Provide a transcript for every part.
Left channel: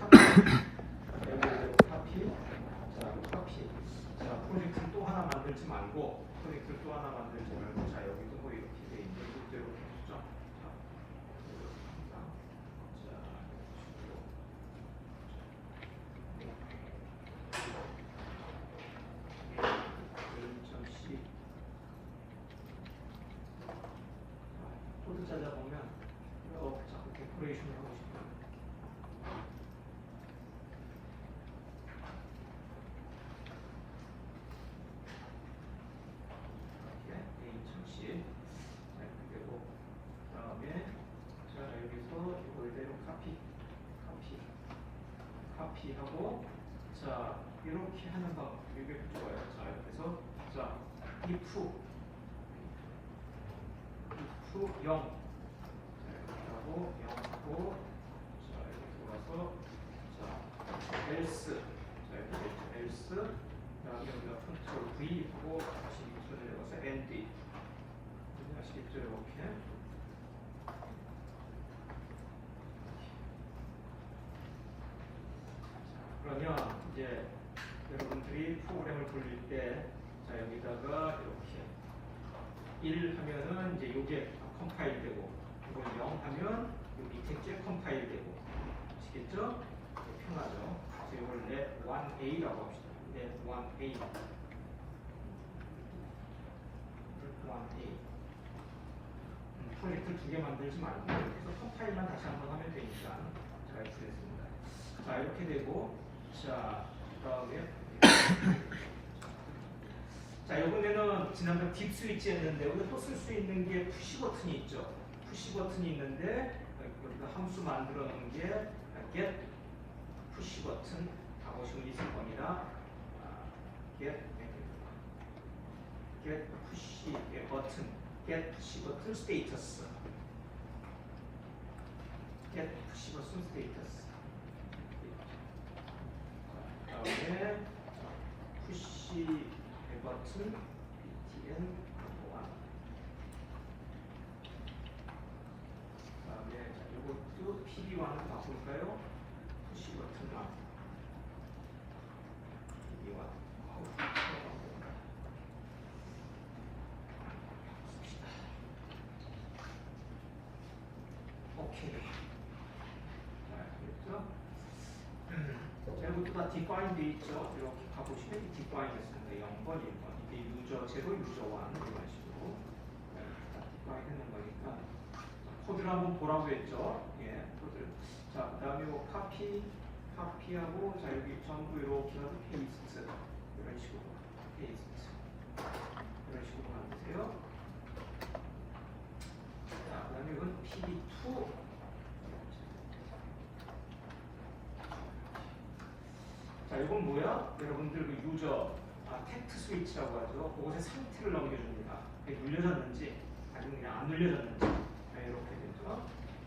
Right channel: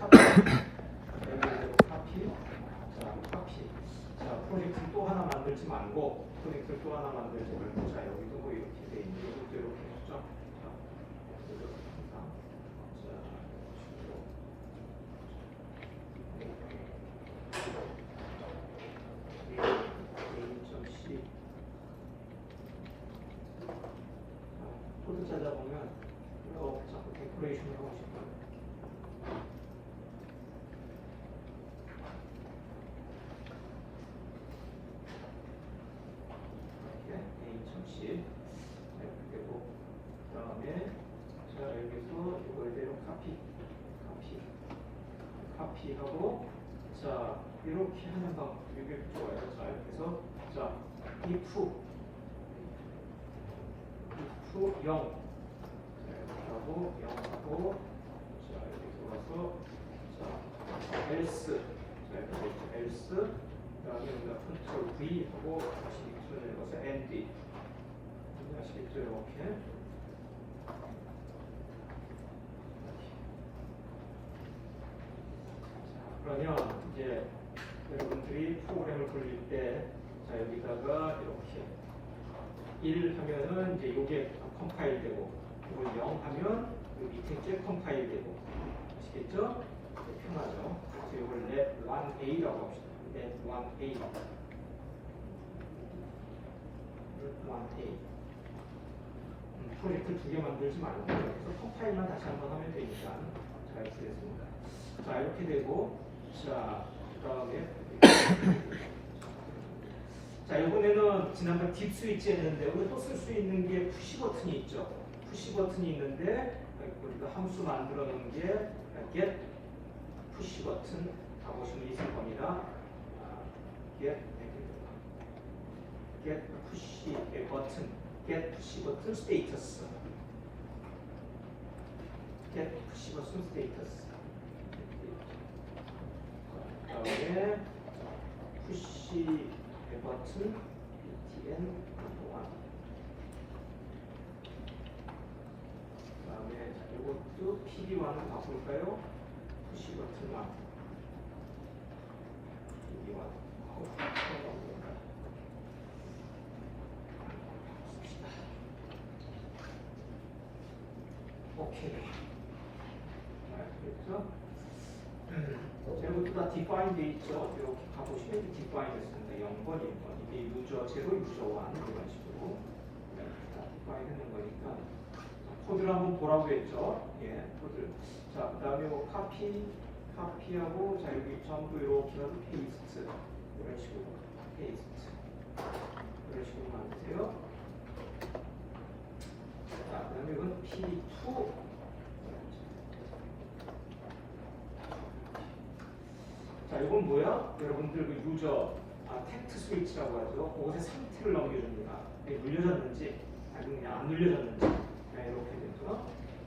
카피. 얘도 카피. 자, 카피. 자, 프로젝트 또 하나 만들지 말고, 프로젝트 또 하나 만들지 말고, 자, 여기도 뭐 이렇게 돼 있는데, 이것도 이렇게 했죠. 코드 찾아보면 자꾸 데코레이션을 하고 싶어요. 네, A1010. 그리고 그다음에 자 여기서 이거에 카피하고 자 이렇게 하는 방법 이게 좋아요. 자 그래서 자 if 0 하고 0하고 자 여기 들어가서 자 else 자 여기 else 그다음에 여기다 컨트롤 V 하고 다시 손을 넣어서 end 아시겠죠? 이렇게 그러면 이제 여러분들이 프로그램을 돌릴 때 자 여기다가 이렇게 1 하면은 이제 요게 컴파일 되고 이걸 0 하면 요 밑에 째 컴파일 되고 아시겠죠? 편하죠? 그래서 이걸 let 1a라고 합시다. let 1a let 1a 프로젝트 두 개 만들지 말고 그래서 컴파일만 다시 한번 하면 되니까 잘 쓰겠습니다. 자 이렇게 되고 자 그다음에 자, 이번에는 지난번 딥 스위치 했는데 우리가 또 쓸 수 있는 게 푸시 버튼이 있죠. 푸시 버튼이 있는데 우리가 함수 만들어 놓은 게 get 푸시 버튼 다 보시면 있을 겁니다. get 푸시 버튼 get 푸시 버튼 스테이터스 get 푸시 버튼 스테이터스 그다음에 푸시 버튼 btn 1 그다음에 이것도 pd1을 바꿀까요? 푸시 버튼 1 pd1 오케이 됐죠? 자, 이것도 다 define 돼 있죠? 이렇게 가보시면 define 했습니다. 0번, 1번. 이게 유저, 제로 유저와 이런 식으로 define 하는 거니까. 코드를 한번 보라고 했죠? 예, 코드. 자, 그 다음에 뭐 카피하고, 자, 여기 전부 이렇게 해서 페이스트. 이런 식으로. 페이스트. 이런 식으로 만드세요. 자, 그 다음에 이건 P2. 자, 이건 뭐야? 여러분들 그 유저 텍스트 스위치라고 하죠. 그것의 상태를 넘겨줍니다. 이게 눌려졌는지 아니면 그냥 안 눌려졌는지 네, 이렇게 되죠.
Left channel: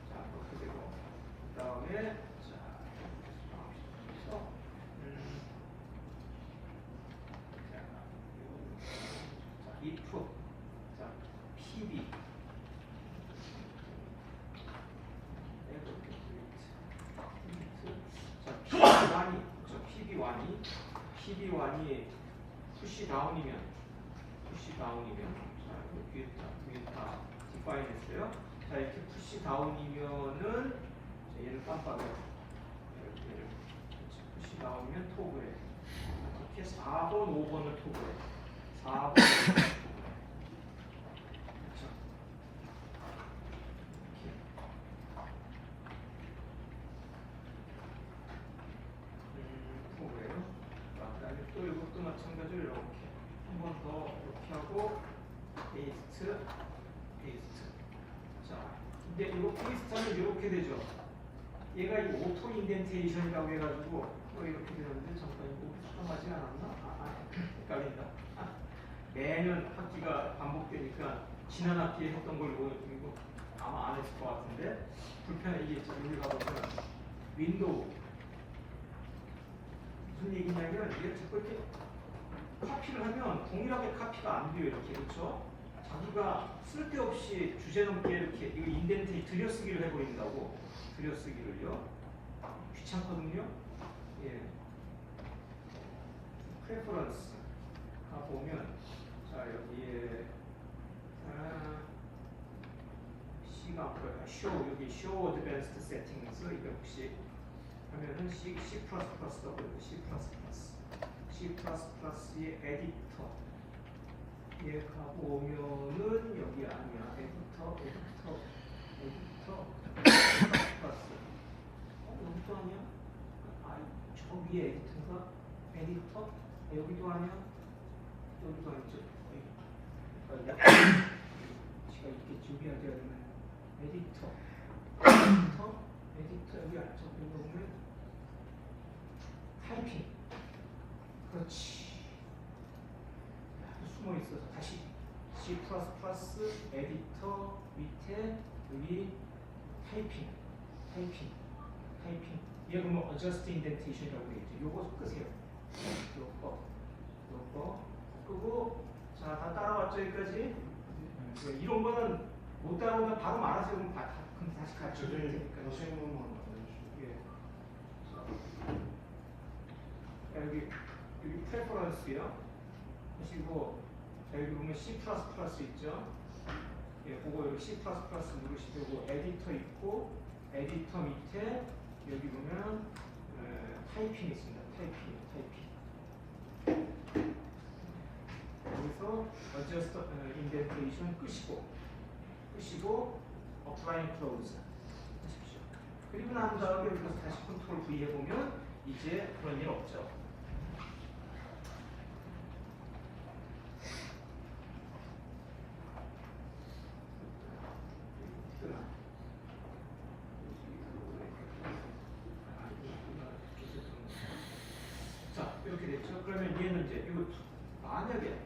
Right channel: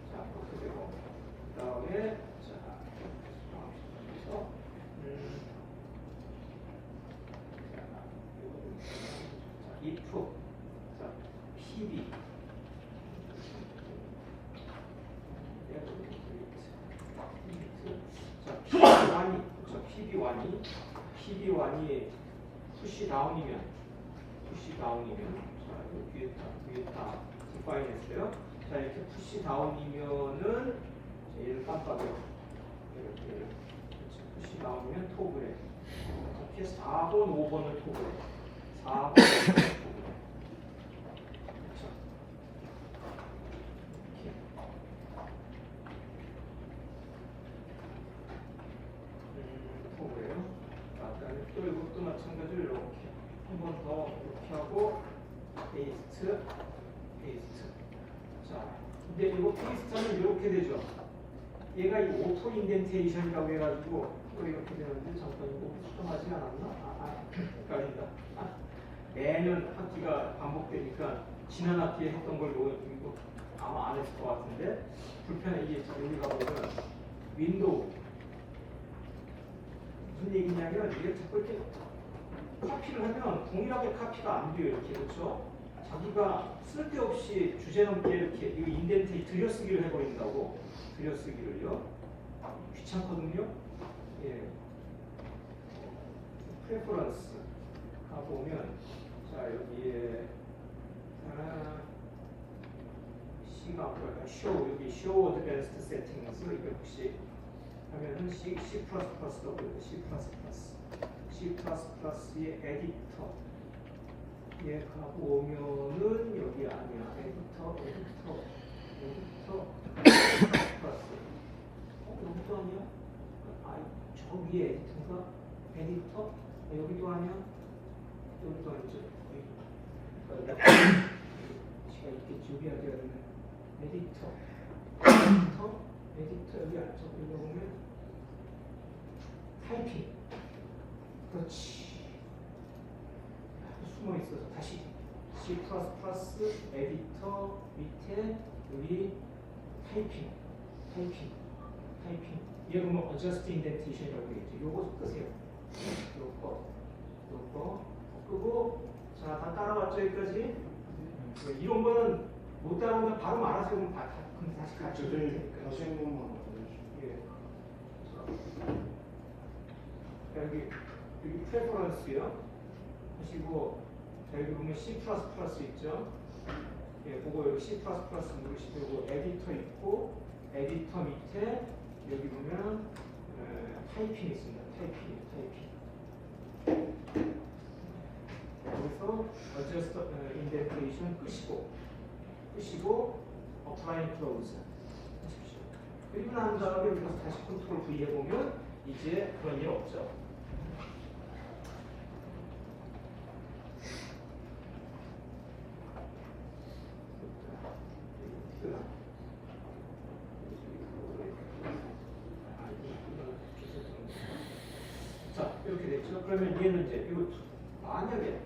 자, 그렇게 되고 그 다음에 자, 그래서 if 자, pb PB1이 푸시 다운이면 자 위에 다 디파인 했어요. 자 이렇게 푸시 다운이면은 얘를 깜빡이에요. 이렇게 푸시 다운이면 토그래. 이렇게 4번, 5번을 토그래. 4번, 5번을 토그래. 또 이것도 마찬가지로 이렇게 한 번 더 이렇게 하고 페이스트 자 근데 이거 페이스트하면 이렇게 되죠. 얘가 이 오토 인덴테이션이라고 해가지고 또 이렇게 되는데 잠깐 이거 수정하지 않았나? 헷갈린다. 매년 학기가 반복되니까 지난 학기에 했던 걸 이거 아마 안 했을 것 같은데 불편해. 이게 지금 여기 가보면 윈도우 무슨 얘기냐면 이게 자꾸 이렇게 카피를 하면 동일하게 카피가 안 돼요. 이렇게 그렇죠? 자기가 쓸데없이 주제 넘게 이렇게 이거 인덴트 들여쓰기를 해버린다고 들여쓰기를요. 귀찮거든요. 예. 프레퍼런스 가 보면 자 여기에 C가 뭐예요? show 여기 show advanced settings 이렇게 혹시 하면은 C++도 그렇고 C++의 에디터 얘 가보면은 여기 아니야. 에디터 여기도 아니야? 저기 에디터가 에디터 여기도 아니야? 여기도 아니죠? 제가 있겠지. 여기 아니야. 에디터 여기 안쪽 보면 타이핑 그렇지. 숨어 있어서 다시 C++ 에디터 밑에 여기 타이핑 얘 보면 adjust indentation이라고 되겠죠. 요거 끄세요. 요거 끄고 자 다 따라왔죠 여기까지. 이런 거는 못 따라오면 바로 말하세요. 그럼 다시 같이 해야 되니까. 다시 행동만 예. 여기 프레퍼런스요. 하시고 여기 보면 C++ 있죠. 예, 그거 여기 C++ 누르시고 에디터 있고 에디터 밑에 여기 보면 타이핑 있습니다. 타이핑. 여기서 adjust indentation 끄시고 apply close 하십시오. 그리고 난 다음에 여기서 다시 컨트롤 V 해보면 이제 그런 일 없죠. 자, 이렇게 됐죠. 그러면 얘는 이제 이거 만약에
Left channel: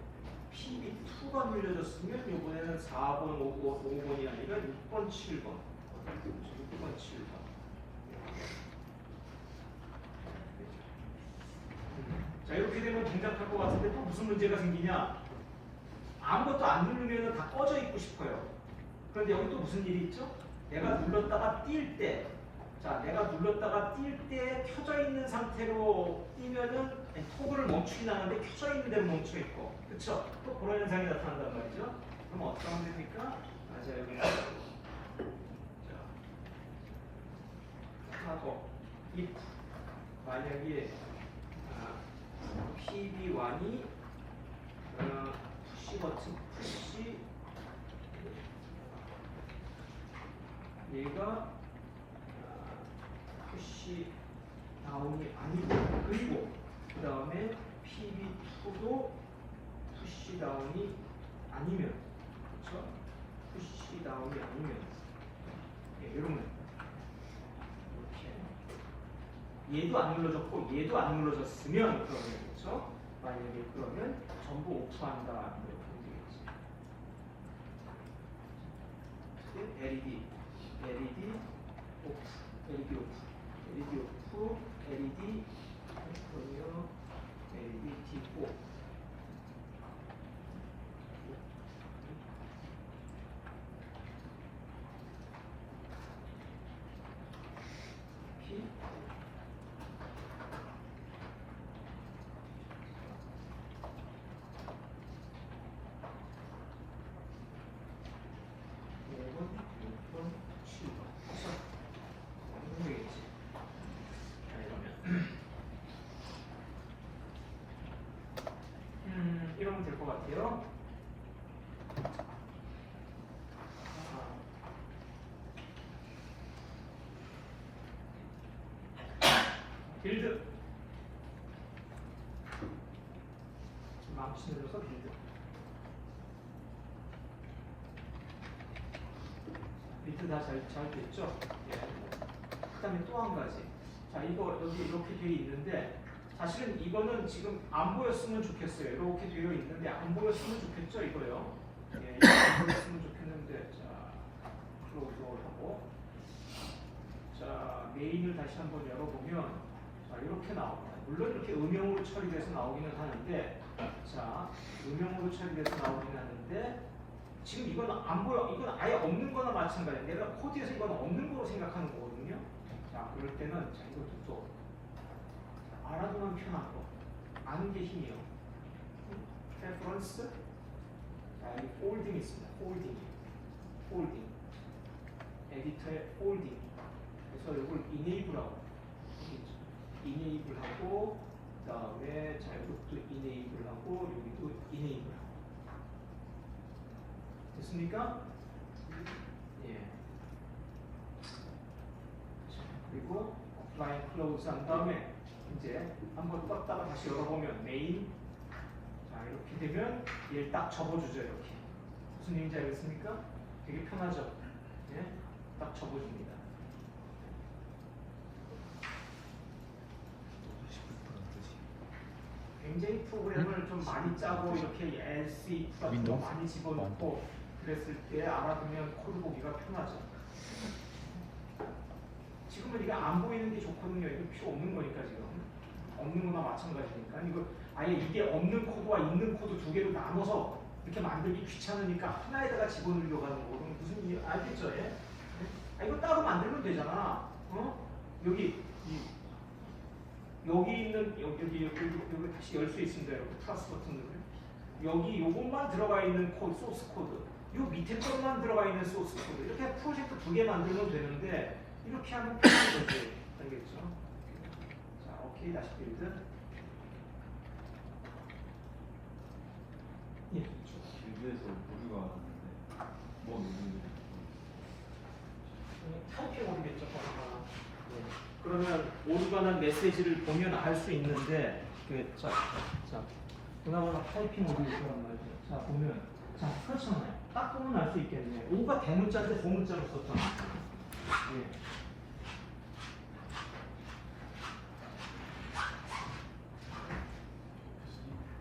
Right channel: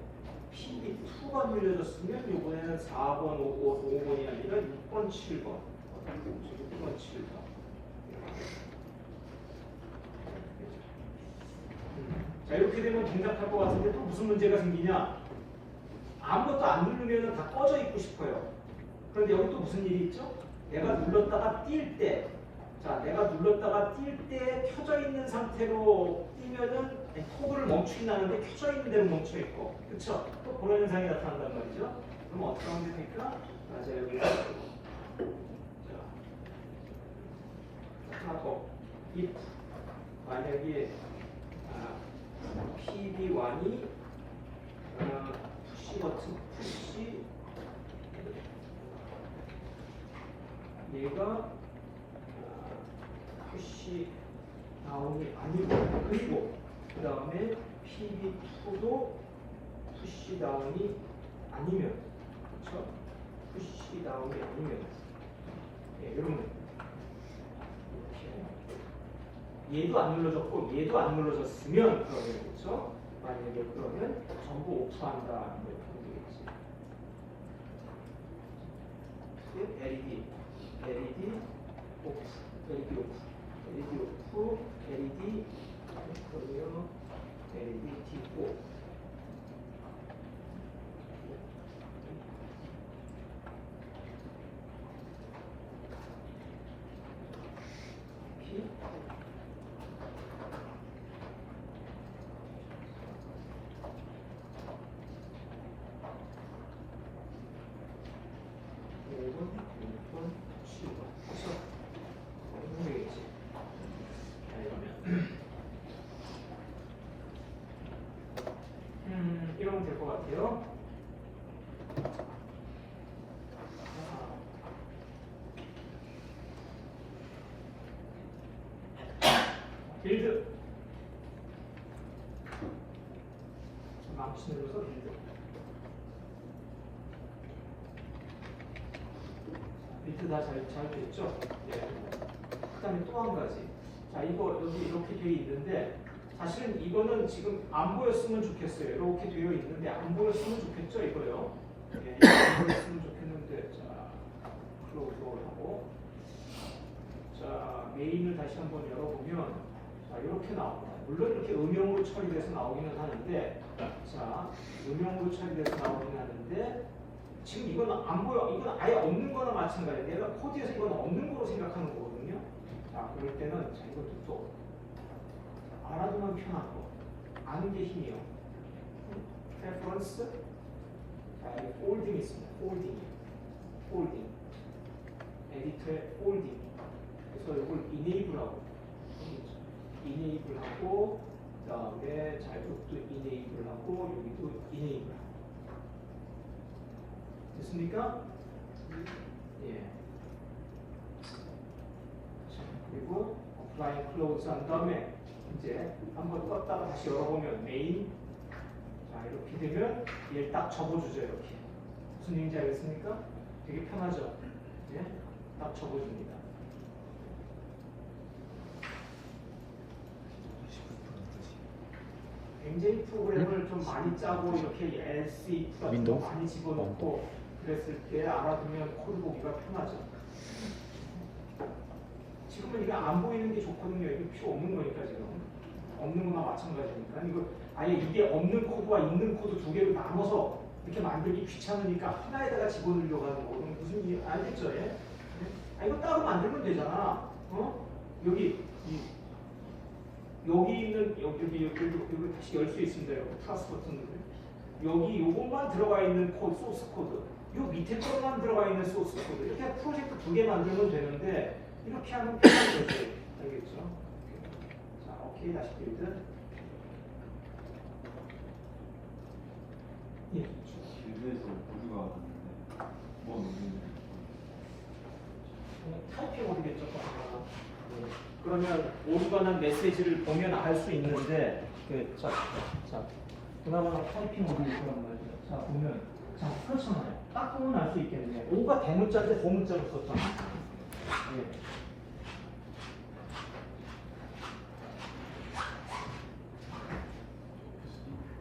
PB2가 눌려졌으면 이번에는 4번, 5번이 아니라 6번, 7번. 6번, 7번. 자, 이렇게 되면 정답할 것 같은데 또 무슨 문제가 생기냐? 아무것도 안 누르면 다 꺼져 있고 싶어요. 그런데 여기 또 무슨 일이 있죠? 내가 눌렀다가 뛸 때, 자, 내가 눌렀다가 뛸 때 켜져 있는 상태로 뛰면은 토글을 멈추긴 하는데 켜져 있는 대로 멈춰 있고, 그쵸? 또 그런 현상이 나타난단 말이죠. 그럼 어떻게 하면 됩니까? 자, 여기 하나 더. if 만약에 PB1이 푸시 버튼 푸시 얘가 푸시 다운이 아니고 그리고 그 다음에 PB2도 푸시 다운이 아니면 그렇죠? 푸시 다운이 아니면 네, 이런 얘도 안 눌러졌고 얘도 안 눌러졌으면 그러면 그렇죠? 만약에 그러면 전부 오프한다 이렇게 하면 되겠지. LED 오프, LED 오프, LED 그러면 LED 오프. 이러면 될 것 같아요. 빌드 망치 눌러서 빌드 밑에 다 잘 됐죠? 예. 그 다음에 또 한 가지 자 이거 여기 이렇게 되어 있는데 사실은 이거는 지금 안 보였으면 좋겠어요. 이렇게 되어 있는데 안 보였으면 좋겠죠 이거요. 예, 안 보였으면 좋겠는데 자 클로즈를 하고 자 메인을 다시 한번 열어보면 자 이렇게 나옵니다. 물론 이렇게 음영으로 처리돼서 나오기는 하는데 자 음영으로 처리돼서 나오기는 하는데 지금 이건 안 보여. 이건 아예 없는 거나 마찬가지예요. 내가 코드에서 이건 없는 거로 생각하는 거거든요. 자 자, 그럴 때는 자, 이것도 또 알아두면 편한 거. 아는 게 힘이요. reference, 자, 여기 folding 있습니다. folding. 에디터에 folding. 그래서 이걸 enable하고, enable하고, 그 다음에 자, 이것도 enable하고, 여기도 enable. 됐습니까? 예. 그리고 apply close 한 다음에 이제 한번 껐다가 다시 열어보면 main. 자, 이렇게 되면 얘를 딱 접어주죠. 이렇게. 무슨 얘기인지 알겠습니까? 되게 편하죠? 예? 딱 접어줍니다. 굉장히 프로그램을 좀 많이 짜고 이렇게 LC 같은 거 많이 집어넣고 그랬을 때 알아두면 코드 보기가 편하죠. 지금은 이게 안 보이는 게 좋거든요. 이거 필요 없는 거니까 지금. 없는 거나 마찬가지니까. 이거 아예 이게 없는 코드와 있는 코드 두 개를 나눠서 이렇게 만들기 귀찮으니까 하나에다가 집어넣으려고 하는 거거든요. 무슨 일 알겠죠? 예? 아, 이거 따로 만들면 되잖아. 어? 여기 있는 여기 다시 열 수 있습니다. 이렇게 플러스 버튼 누르. 여기 요것만 들어가 있는 코드, 소스 코드. 요 밑에 것만 들어가 있는 소스 코드. 이렇게 프로젝트 두 개 만들면 되는데 이렇게 하면 편하게 되죠. 알겠죠? 자, 오케이. 다시 빌드. 예. 빌드에서 모두가 뭐 누군지 타이핑 오르겠죠. 그러면 오류가난 메시지를 보면 알 수 있는데 자 그나마 타이핑 오르겠단 말이죠. 자 보면 자 펼쳐놔요. 딱 보면 알 수 있겠네요. 오가 대문자인데 고문자로 썼잖아요. 예.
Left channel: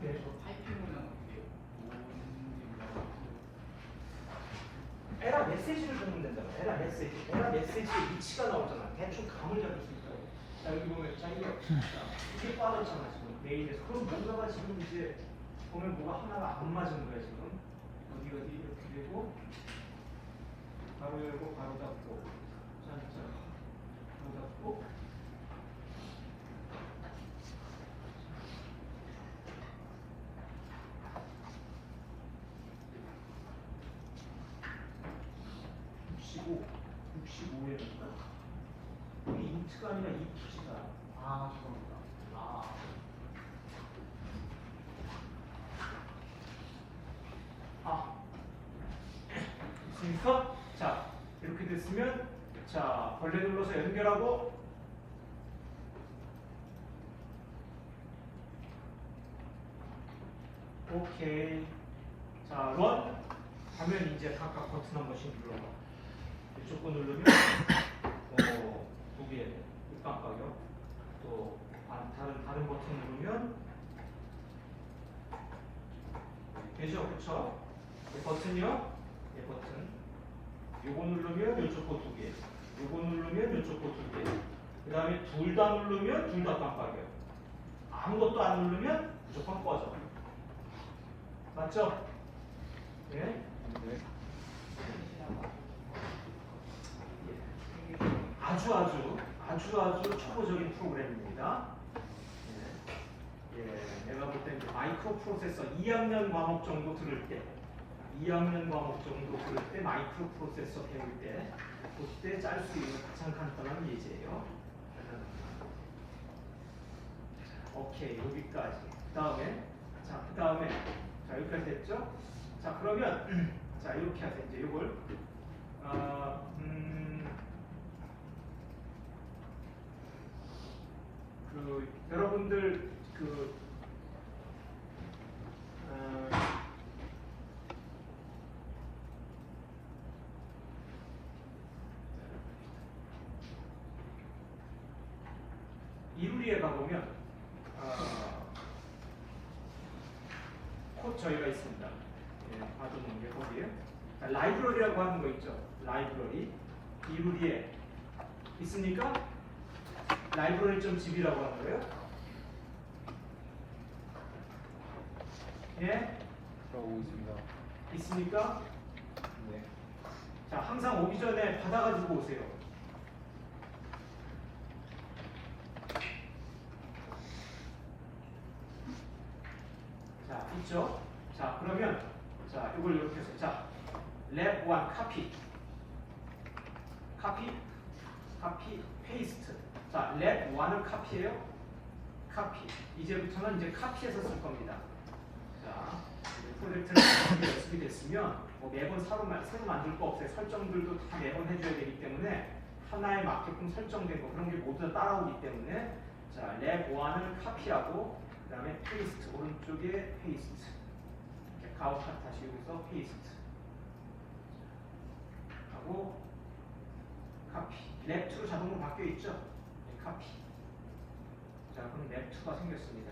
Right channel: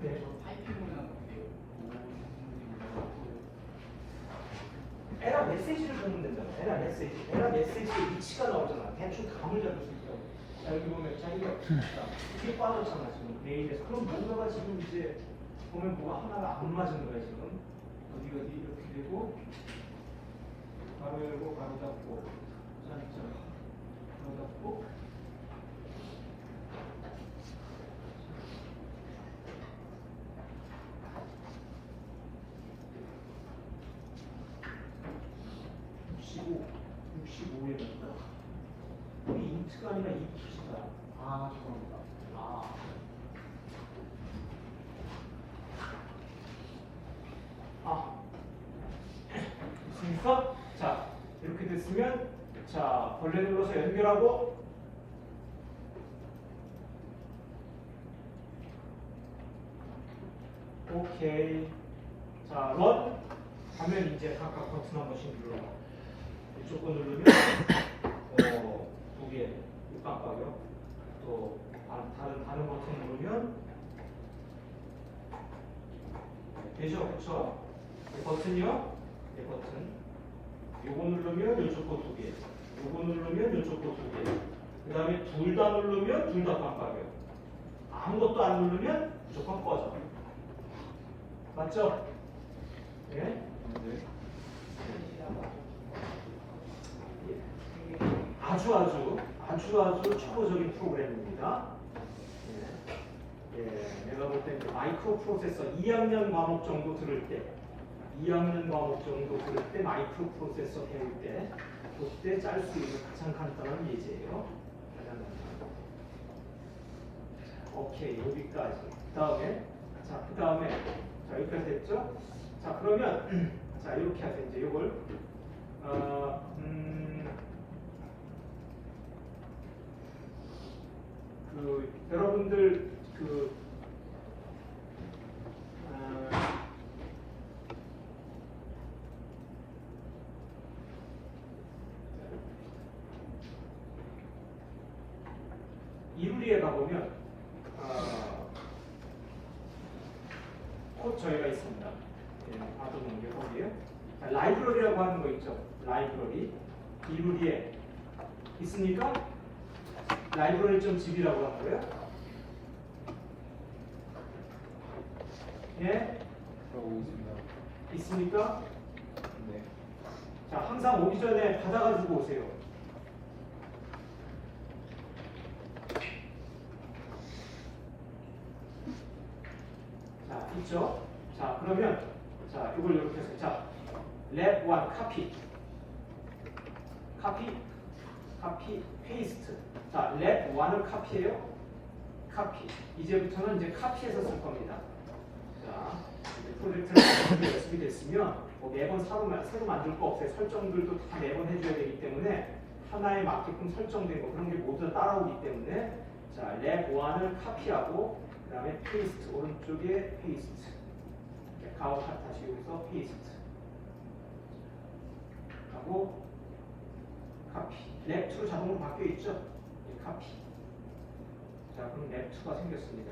네. 에라 메시지를 보면 되잖아. 에라 메시지의 위치가 나오잖아. 대충 감을 잡을 수 있어. 자, 여기 보면 자기가 이렇게 빠졌잖아 지금 메일에서. 그럼 뭔가가 지금 이제 보면 뭐가 하나가 안 맞은 거예요 지금. 여기가 이렇게 되고 가로 열고 가로 닫고 짠짠 가로 닫고. 여기 인트가 아니라 인트시다. 아, 죄송합니다. 됐습니까? 자, 이렇게 됐으면, 자, 벌레 눌러서 연결하고, 오케이. 자, 원 하면 이제 각각 버튼 한 번씩 눌러봐. 이쪽 거 누르면, 두 개, 깜빡이요. 또 다른 버튼 누르면 되죠, 그렇죠? 이 버튼이요, 이 버튼. 요거 누르면 이쪽 거 두 개, 요거 누르면 이쪽 거 두 개. 그 다음에 둘 다 누르면 둘 다 깜빡이요. 아무것도 안 누르면 무조건 꺼져. 맞죠? 예? 네. 아주 초보적인 프로그램입니다. 예, 내가 볼 때 마이크로 프로세서 2학년 과목 정도 들을 때, 마이크로 프로세서 배울 때, 그때 짤 수 있는 가장 간단한 예제예요. 오케이, 여기까지. 그 다음에, 자, 여기까지 됐죠? 자, 그러면, 자, 이렇게 하세요. 이제 이걸, 여러분들 이루리에 가보면 곧 저희가 있습니다. 아동문제 거기에 라이브러리라고 하는 거 있죠. 라이브러리 이루리에 있습니까? library.zip이라고 하는 거예요. 예? 있습니까? 네. 자, 항상 오기 전에 받아가지고 오세요. 자, 있죠? 자, 그러면 자, 이걸 이렇게 해서 자, let one copy, paste. 자, let one은 copy예요. copy. 이제부터는 이제 copy에서 쓸 겁니다. 자, 프로젝트를 준비됐으면 뭐 매번 새로 만들 거 없어요. 설정들도 다 매번 해줘야 되기 때문에 하나에 맞게끔 설정된 거 그런 게 모두 다 따라오기 때문에 자, let one을 copy하고 그 다음에 paste 오른쪽에 paste. 가운데 다시 여기서 paste 하고 copy. let 2 자동으로 바뀌어 있죠? copy. 자, 그럼 let 2가 생겼습니다.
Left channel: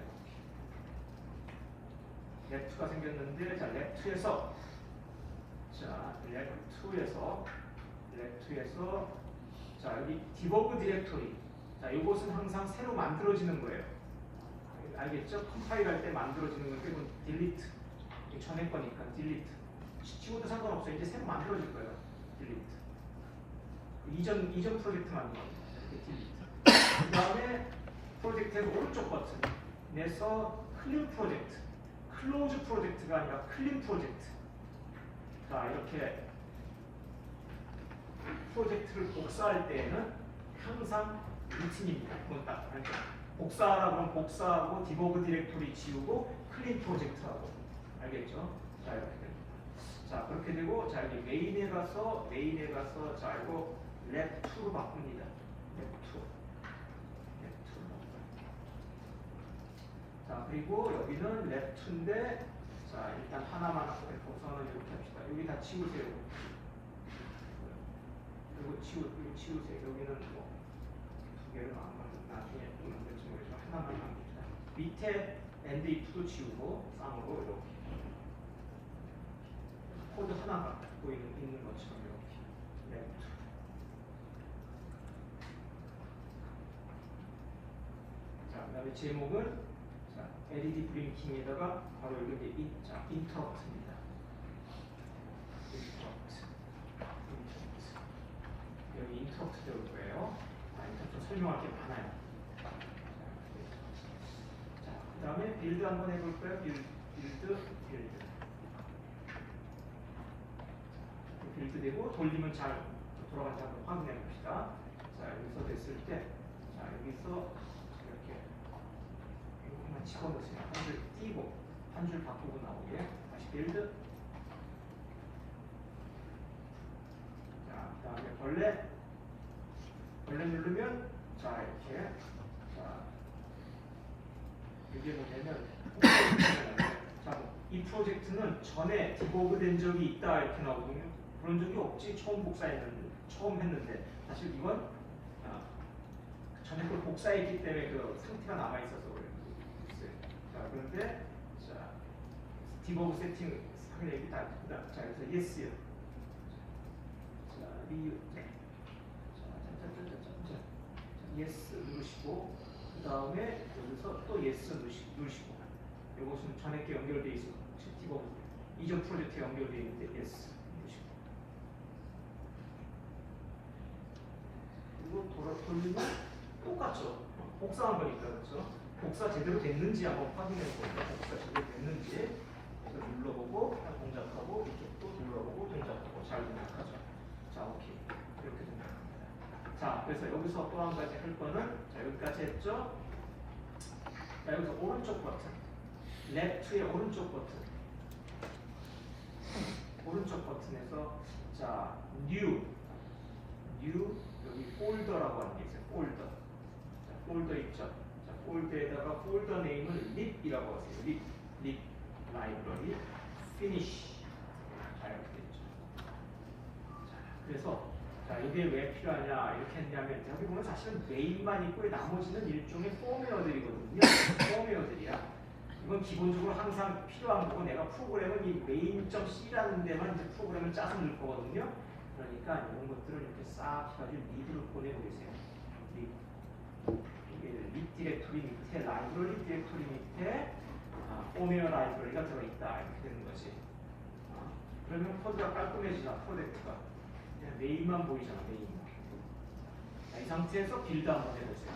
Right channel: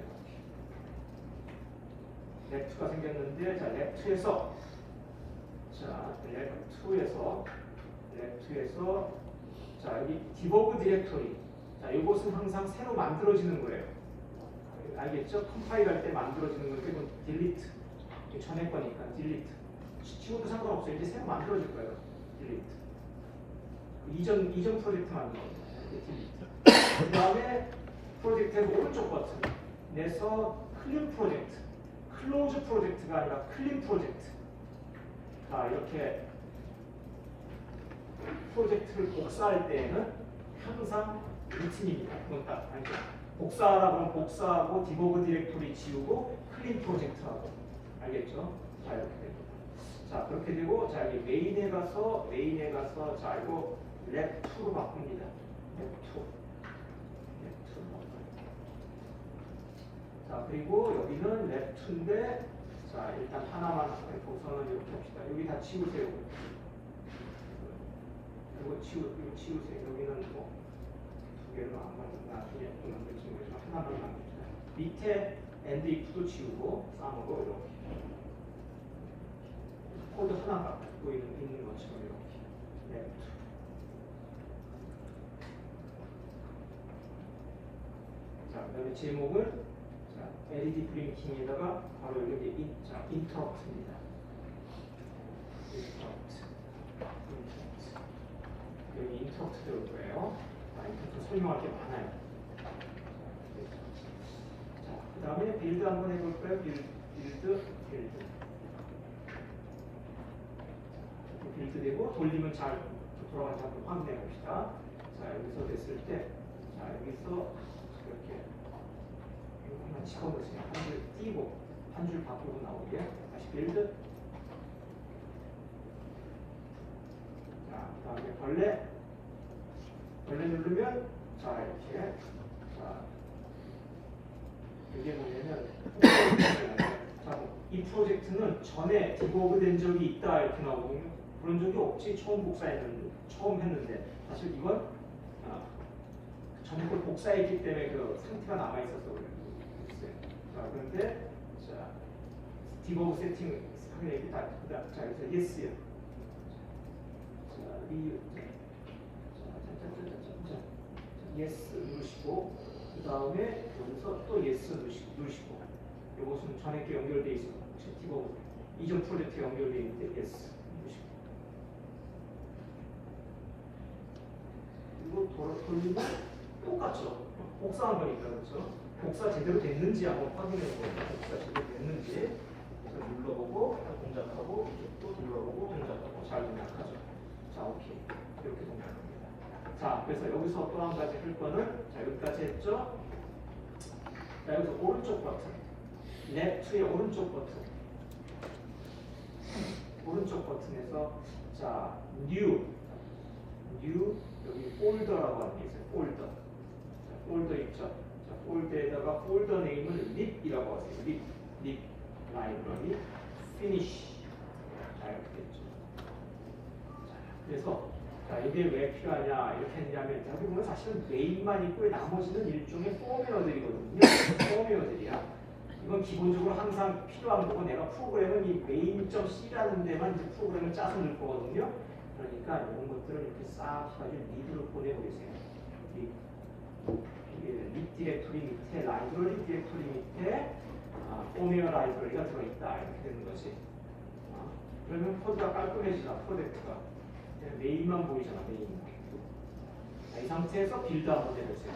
let 2가 생겼는데 자, let 2에서 자, let 2에서 자, 여기 debug 디렉토리. 자, 이것은 항상 새로 만들어지는 거예요. 알겠죠? 컴파일 할 때 만들어지는 거니까 이건 delete. 전에 거니까 delete. 지워도 상관없어요. 이제 새로 만들어질 거예요. delete. 이전 프로젝트 만든 겁니다. delete. 그 다음에 프로젝트에서 오른쪽 버튼에서 클린 프로젝트. 클로즈 프로젝트가 아니라 클린 프로젝트. 자, 이렇게 프로젝트를 복사할 때에는 항상 루틴입니다. 그건 딱 알죠? 복사하라고 하면 복사하고 디버그 디렉토리 지우고 클린 프로젝트하고 알겠죠? 자, 이렇게 되고 자, 그렇게 되고 자, 여기 메인에 가서 자, 이거 let 2로 바꿉니다. let 2. 자, 그리고 여기는 let 2인데 자, 일단 하나만 거기서는 이렇게 합시다. 여기 다 치우세요. 이거 치우세요. 여기는 뭐 두 개를 안 하면 나중에 이렇게 치우면서 하나만 합니다. 밑에 and if도 치우고 쌍으로 이렇게 코드 하나 갖고 있는 것처럼 이렇게 let 2. 자, 그 다음에 제목은 자, LED 브링킹에다가 바로 여기 자, 인터럽트입니다. 여기 인터럽트 되어 있고요. 인터럽트 설명할 게 많아요. 자, 그 다음에 빌드 한번 해볼까요? 빌드 되고 돌리면 잘 돌아가는지 한번 확인해 봅시다. 자, 여기서 됐을 때, 자, 여기서 이렇게 하나 집어보시면 한 줄 띄고 한 줄 바꾸고 나오고요. 다시 빌드. 자, 그 다음에 벌레 누르면 자, 이렇게 자, 이게 뭐냐면 자, 이 프로젝트는 전에 디버그 된 적이 있다 이렇게 나오거든요. 그런 적이 없지. 처음 했는데 사실 이건 전에 걸 복사했기 때문에 그 상태가 남아 있어서 그래요. 자, 그런데 자, 디버그 세팅 하면 자, 여기서 yes요. 자, yes 누르시고 그 다음에 여기서 또 yes 누르시고 이것은 전에 게 연결되어 있고 디버그 이전 프로젝트에 연결되어 있는데 yes 누르시고 그리고 돌리면 똑같죠. 복사한 거니까 그렇죠. 복사 제대로 됐는지 한번 확인해 보세요. 복사 제대로 됐는지 그래서 눌러보고 동작하고 또 눌러보고 동작하고 잘 동작하죠. 자, 오케이. 이렇게 동작합니다. 자, 그래서 여기서 또 한 가지 할 거는 자, 여기까지 했죠. 자, 여기서 오른쪽 버튼 let 2의 오른쪽 버튼에서 자, new 여기 폴더라고 하는 게 있어요. 폴더 있죠. 자, 폴더에다가 폴더 네임은 lib이라고 하세요. lib 라이브러리 finish. 자, 이렇게 됐죠. 그래서 자, 이게 왜 필요하냐 이렇게 했냐면 여기 보면 사실은 메인만 있고 나머지는 일종의 포메어들이거든요. 포메어들이야. 이건 기본적으로 항상 필요한 거고 내가 프로그램은 이 main.c라는 데만 이제 프로그램을 짜서 넣을 거거든요. 그러니까 이런 것들을 이렇게 싹 가지고 리드로 보내보겠어요. 립 디렉토리 밑에 라이브러리 디렉토리 밑에 포메어 라이브러리가 들어있다 이렇게 되는 거지. 그러면 코드가 깔끔해지잖아. 프로젝트가 메인만 보이잖아. 메인만. 이 상태에서 빌드 한번 해보세요.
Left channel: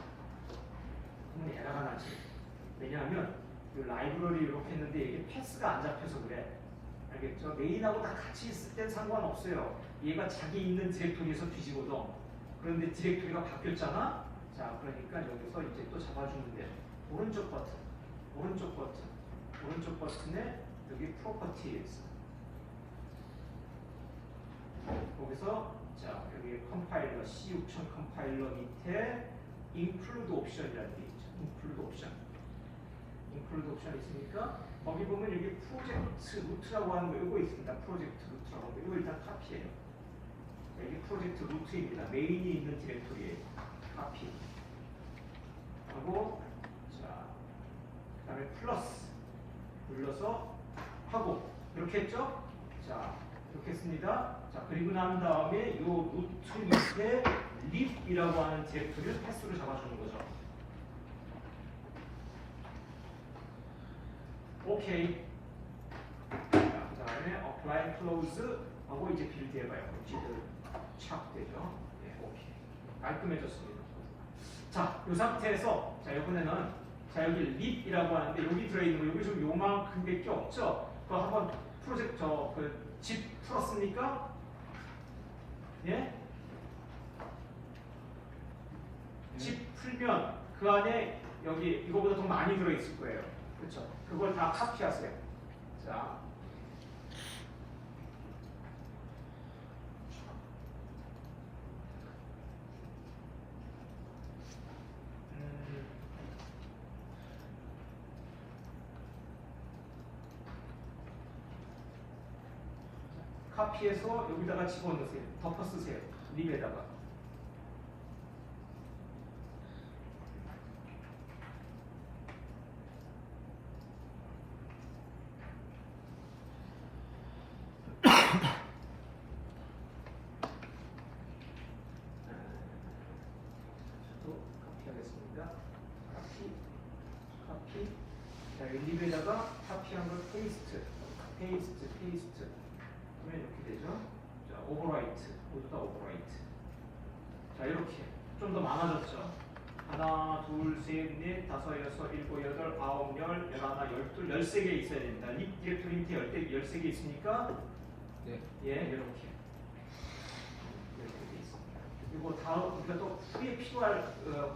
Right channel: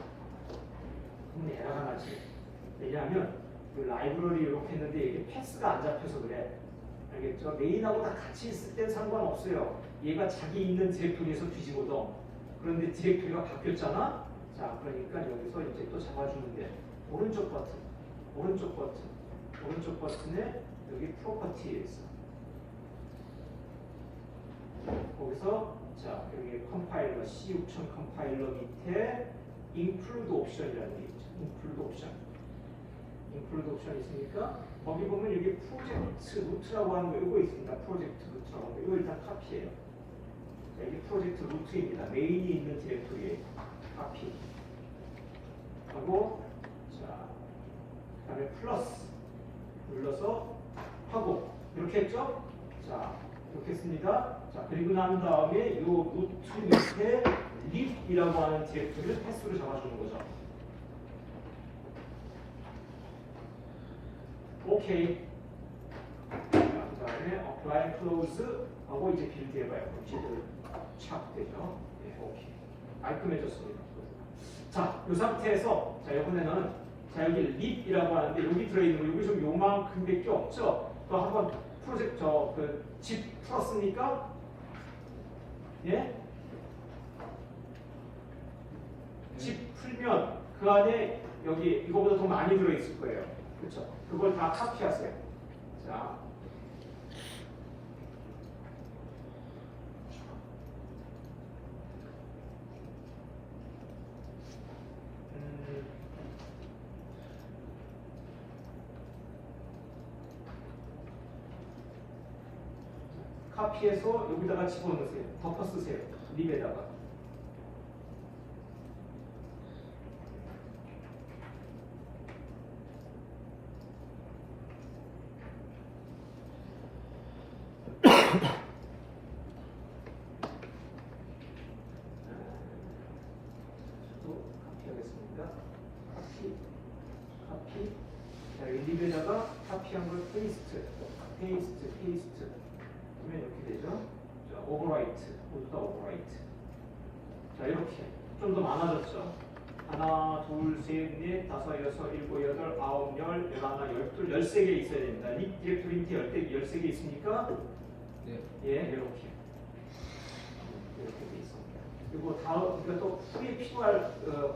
그러면 에러가 나지. 왜냐하면 라이브러리 이렇게 했는데 이게 패스가 안 잡혀서 그래. 알겠죠? 메인하고 다 같이 있을 땐 상관없어요. 얘가 자기 있는 디렉토리에서 뒤집어도. 그런데 디렉토리가 바뀌었잖아? 자, 그러니까 여기서 이제 또 잡아주는데 오른쪽 버튼에 여기 프로퍼티에 있어. 거기서 자, 여기 컴파일러 C6000 컴파일러 밑에 include 옵션이라는 게 있죠. include 옵션 있으니까 거기 보면 여기 프로젝트 루트라고 하는 거 이거 있습니다. 프로젝트 루트라고 하는 거 이거 일단 카피해요. 여기 프로젝트 루트입니다. 메인이 있는 디렉토리에 카피 하고 자 그다음에 플러스 눌러서 하고 이렇게 했죠? 자 이렇게 했습니다. 자 그리고 난 다음에 이 루트 밑에 립이라고 하는 디렉토리를 패스로 잡아주는 거죠. 오케이. 그 다음에 apply close 하고 이제 빌드 해봐요. 제대로 착 되죠. 네, 오케이. 깔끔해졌습니다. 자, 이 상태에서 자 이번에는 자 여기 립이라고 하는데 여기 들어있는 거 여기 좀 요만큼밖에 없죠. 그거 한번 프로젝트 집 풀었습니까? 예? 집 풀면 그 안에 여기 이거보다 더 많이 들어있을 거예요. 그렇죠? 그걸 다 카피하세요. 자, 카피해서 여기다가 집어넣으세요. 덮어 쓰세요. 립에다가. 카피하겠습니다. 카피. 자, 여기 립에다가 카피한 걸 페이스트. 그러면 이렇게 되죠. 자, 오버라이트. 자, 이렇게. 좀 더 많아졌죠. 하나, 둘, 셋, 넷, 다섯, 여섯, 일곱, 여덟, 아홉, 열, 열하나, 열둘, 13개 있어야 됩니다. 립 디렉토리 밑에 13개 있습니까? 네. 예, 이렇게 돼 있습니다. 그리고 우리가 또 풀이 필요할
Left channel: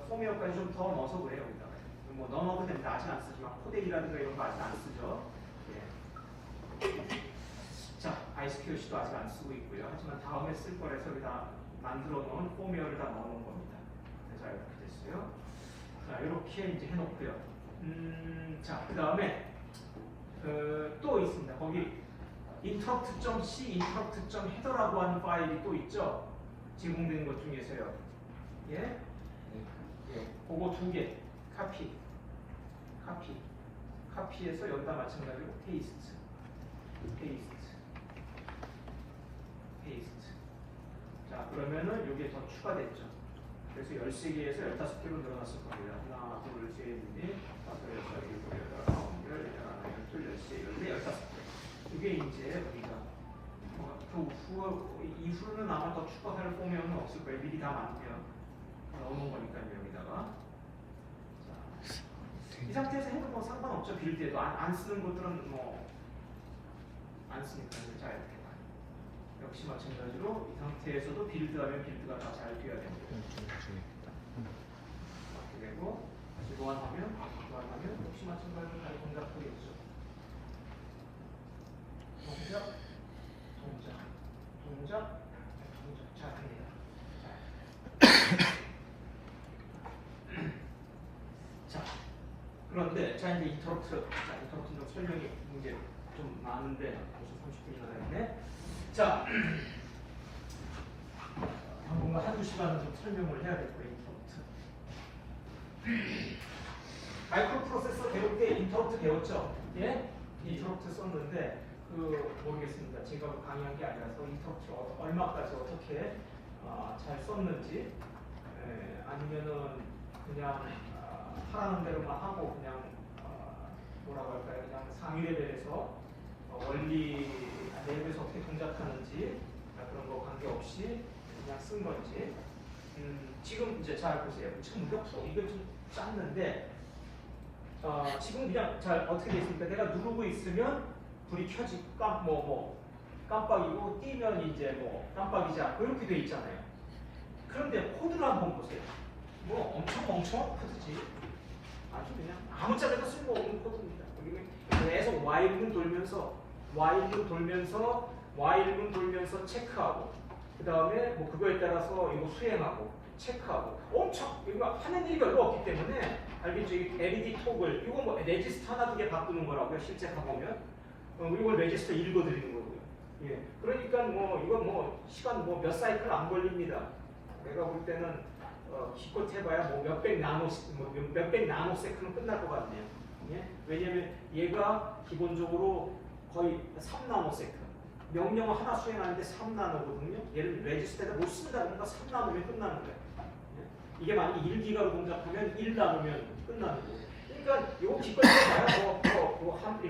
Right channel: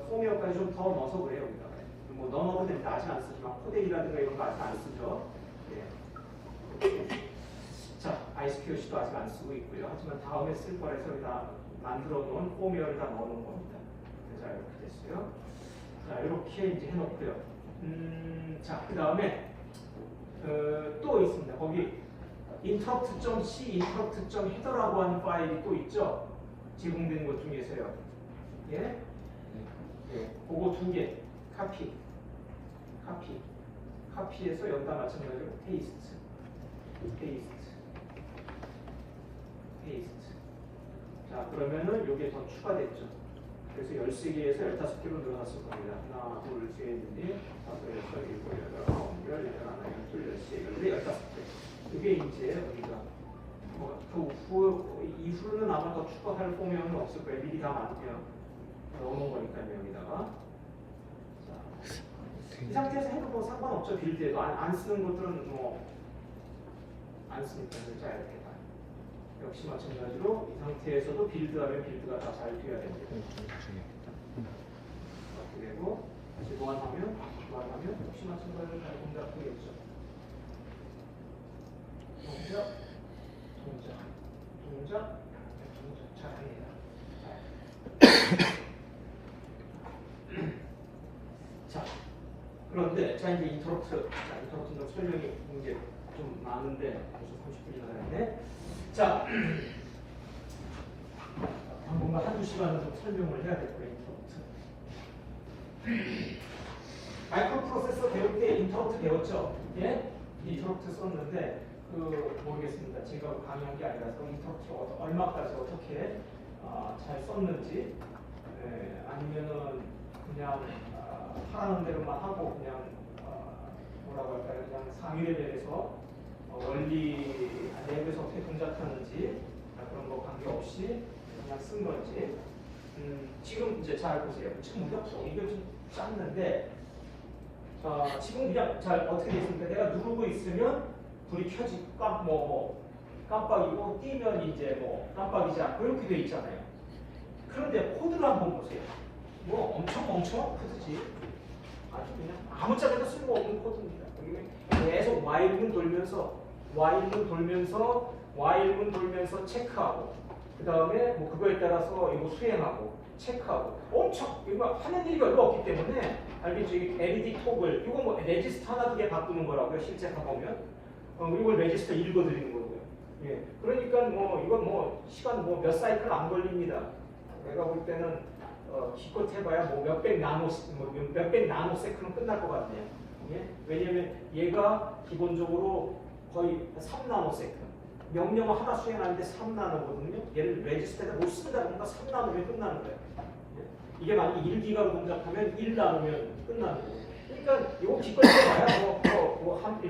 포메어까지 좀 더 넣어서 그래요. 여기다가. 뭐 넣어놓으면 됩니다. 아직 안 쓰지만 코덱이라든가 이런 거 아직 안 쓰죠. 예. 자, ISQLC도 아직 안 쓰고 있고요. 하지만 다음에 쓸 거라서 여기다 만들어 놓은 포메어를 다 넣는 겁니다. 자, 이렇게 됐어요. 자, 이렇게 이제 해놓고요. 자, 그 다음에 또 있습니다. 거기 interrupt.c, interrupt.header라고 하는 파일이 또 있죠. 제공되는 것 중에서요. 예? 예. 그거 2개 카피해서 여기다 마찬가지로 페이스트. 자, 그러면은 이게 더 추가됐죠. 그래서 13개에서 15개로 늘어났을 겁니다. 하나, 둘, 셋, 넷, 다섯, 여섯, 일곱, 여덟, 아홉, 열, 열하나, 열둘, 열세, 15개. 이게 이제 우리가 이후로는 아마 더 추가할 포메어는 없을 거예요. 미리 다 넣어놓은 거니까요. 여기다가. 자, 이 상태에서 해도 뭐 상관없죠. 빌드에도 안 쓰는 것들은 뭐 안 쓰니까 자 이렇게 다. 역시 마찬가지로 이 상태에서도 빌드하면 빌드가 다 잘 돼야 됩니다. 이렇게 되고 다시 보완하면 역시 마찬가지로 잘 동작되겠죠. 동작 잘 합니다. 자, 그런데 자 이제 인터럽트 설명이 이제 좀 많은데 벌써 30분 전에 자 뭔가 한두 시간은 좀 설명을 해야 될 거예요. 인터럽트 아이콘 프로세서 배울 때 인터럽트 배웠죠? 예? 인터럽트 썼는데 모르겠습니다. 제가 강의한 게 아니라서 인터럽트 얼마까지 어떻게 잘 썼는지 아니면은 그냥 하라는 대로만 하고 그냥 뭐라고 할까요? 그냥 상위 레벨에서 원리 랩에서 어떻게 동작하는지 그런 거 관계없이 그냥 쓴 건지 지금 이제 잘 보세요. 지금 이게 좀 짰는데 지금 그냥 잘 어떻게 되어 있습니까? 내가 누르고 있으면 불이 켜지고 깜빡이고 띄면 이제 뭐 깜빡이지 않고 이렇게 되어 있잖아요. 그런데 코드를 한번 보세요. 뭐 엄청 코드지. 아주 그냥 아무짝에도 쓸모없는 코드입니다. 계속 while문 돌면서 체크하고 그 다음에 뭐 그거에 따라서 이거 수행하고 체크하고 엄청 이거 하는 일이 별로 없기 때문에 알겠죠? 이 LED 톡을 이거 뭐 레지스터 하나 두 개 바꾸는 거라고요. 실제 가보면 이걸 레지스터 읽어드리는 거고요. 예, 그러니까 뭐 이건 뭐 시간 뭐 몇 사이클 안 걸립니다. 내가 볼 때는 기껏 해봐야 뭐 몇백 나노세컨은 끝날 것 같네요. 예? 왜냐면 얘가 기본적으로 거의 3나노세컨. 명령어 하나 수행하는데 3나노거든요. 얘를 레지스터에다 못 쓴다 보니까 3나노면 끝나는 거예요. 예? 이게 만약에 1기가로 동작하면 1나노면 끝나는 거예요. 그러니까 이거 기껏 해봐야 이거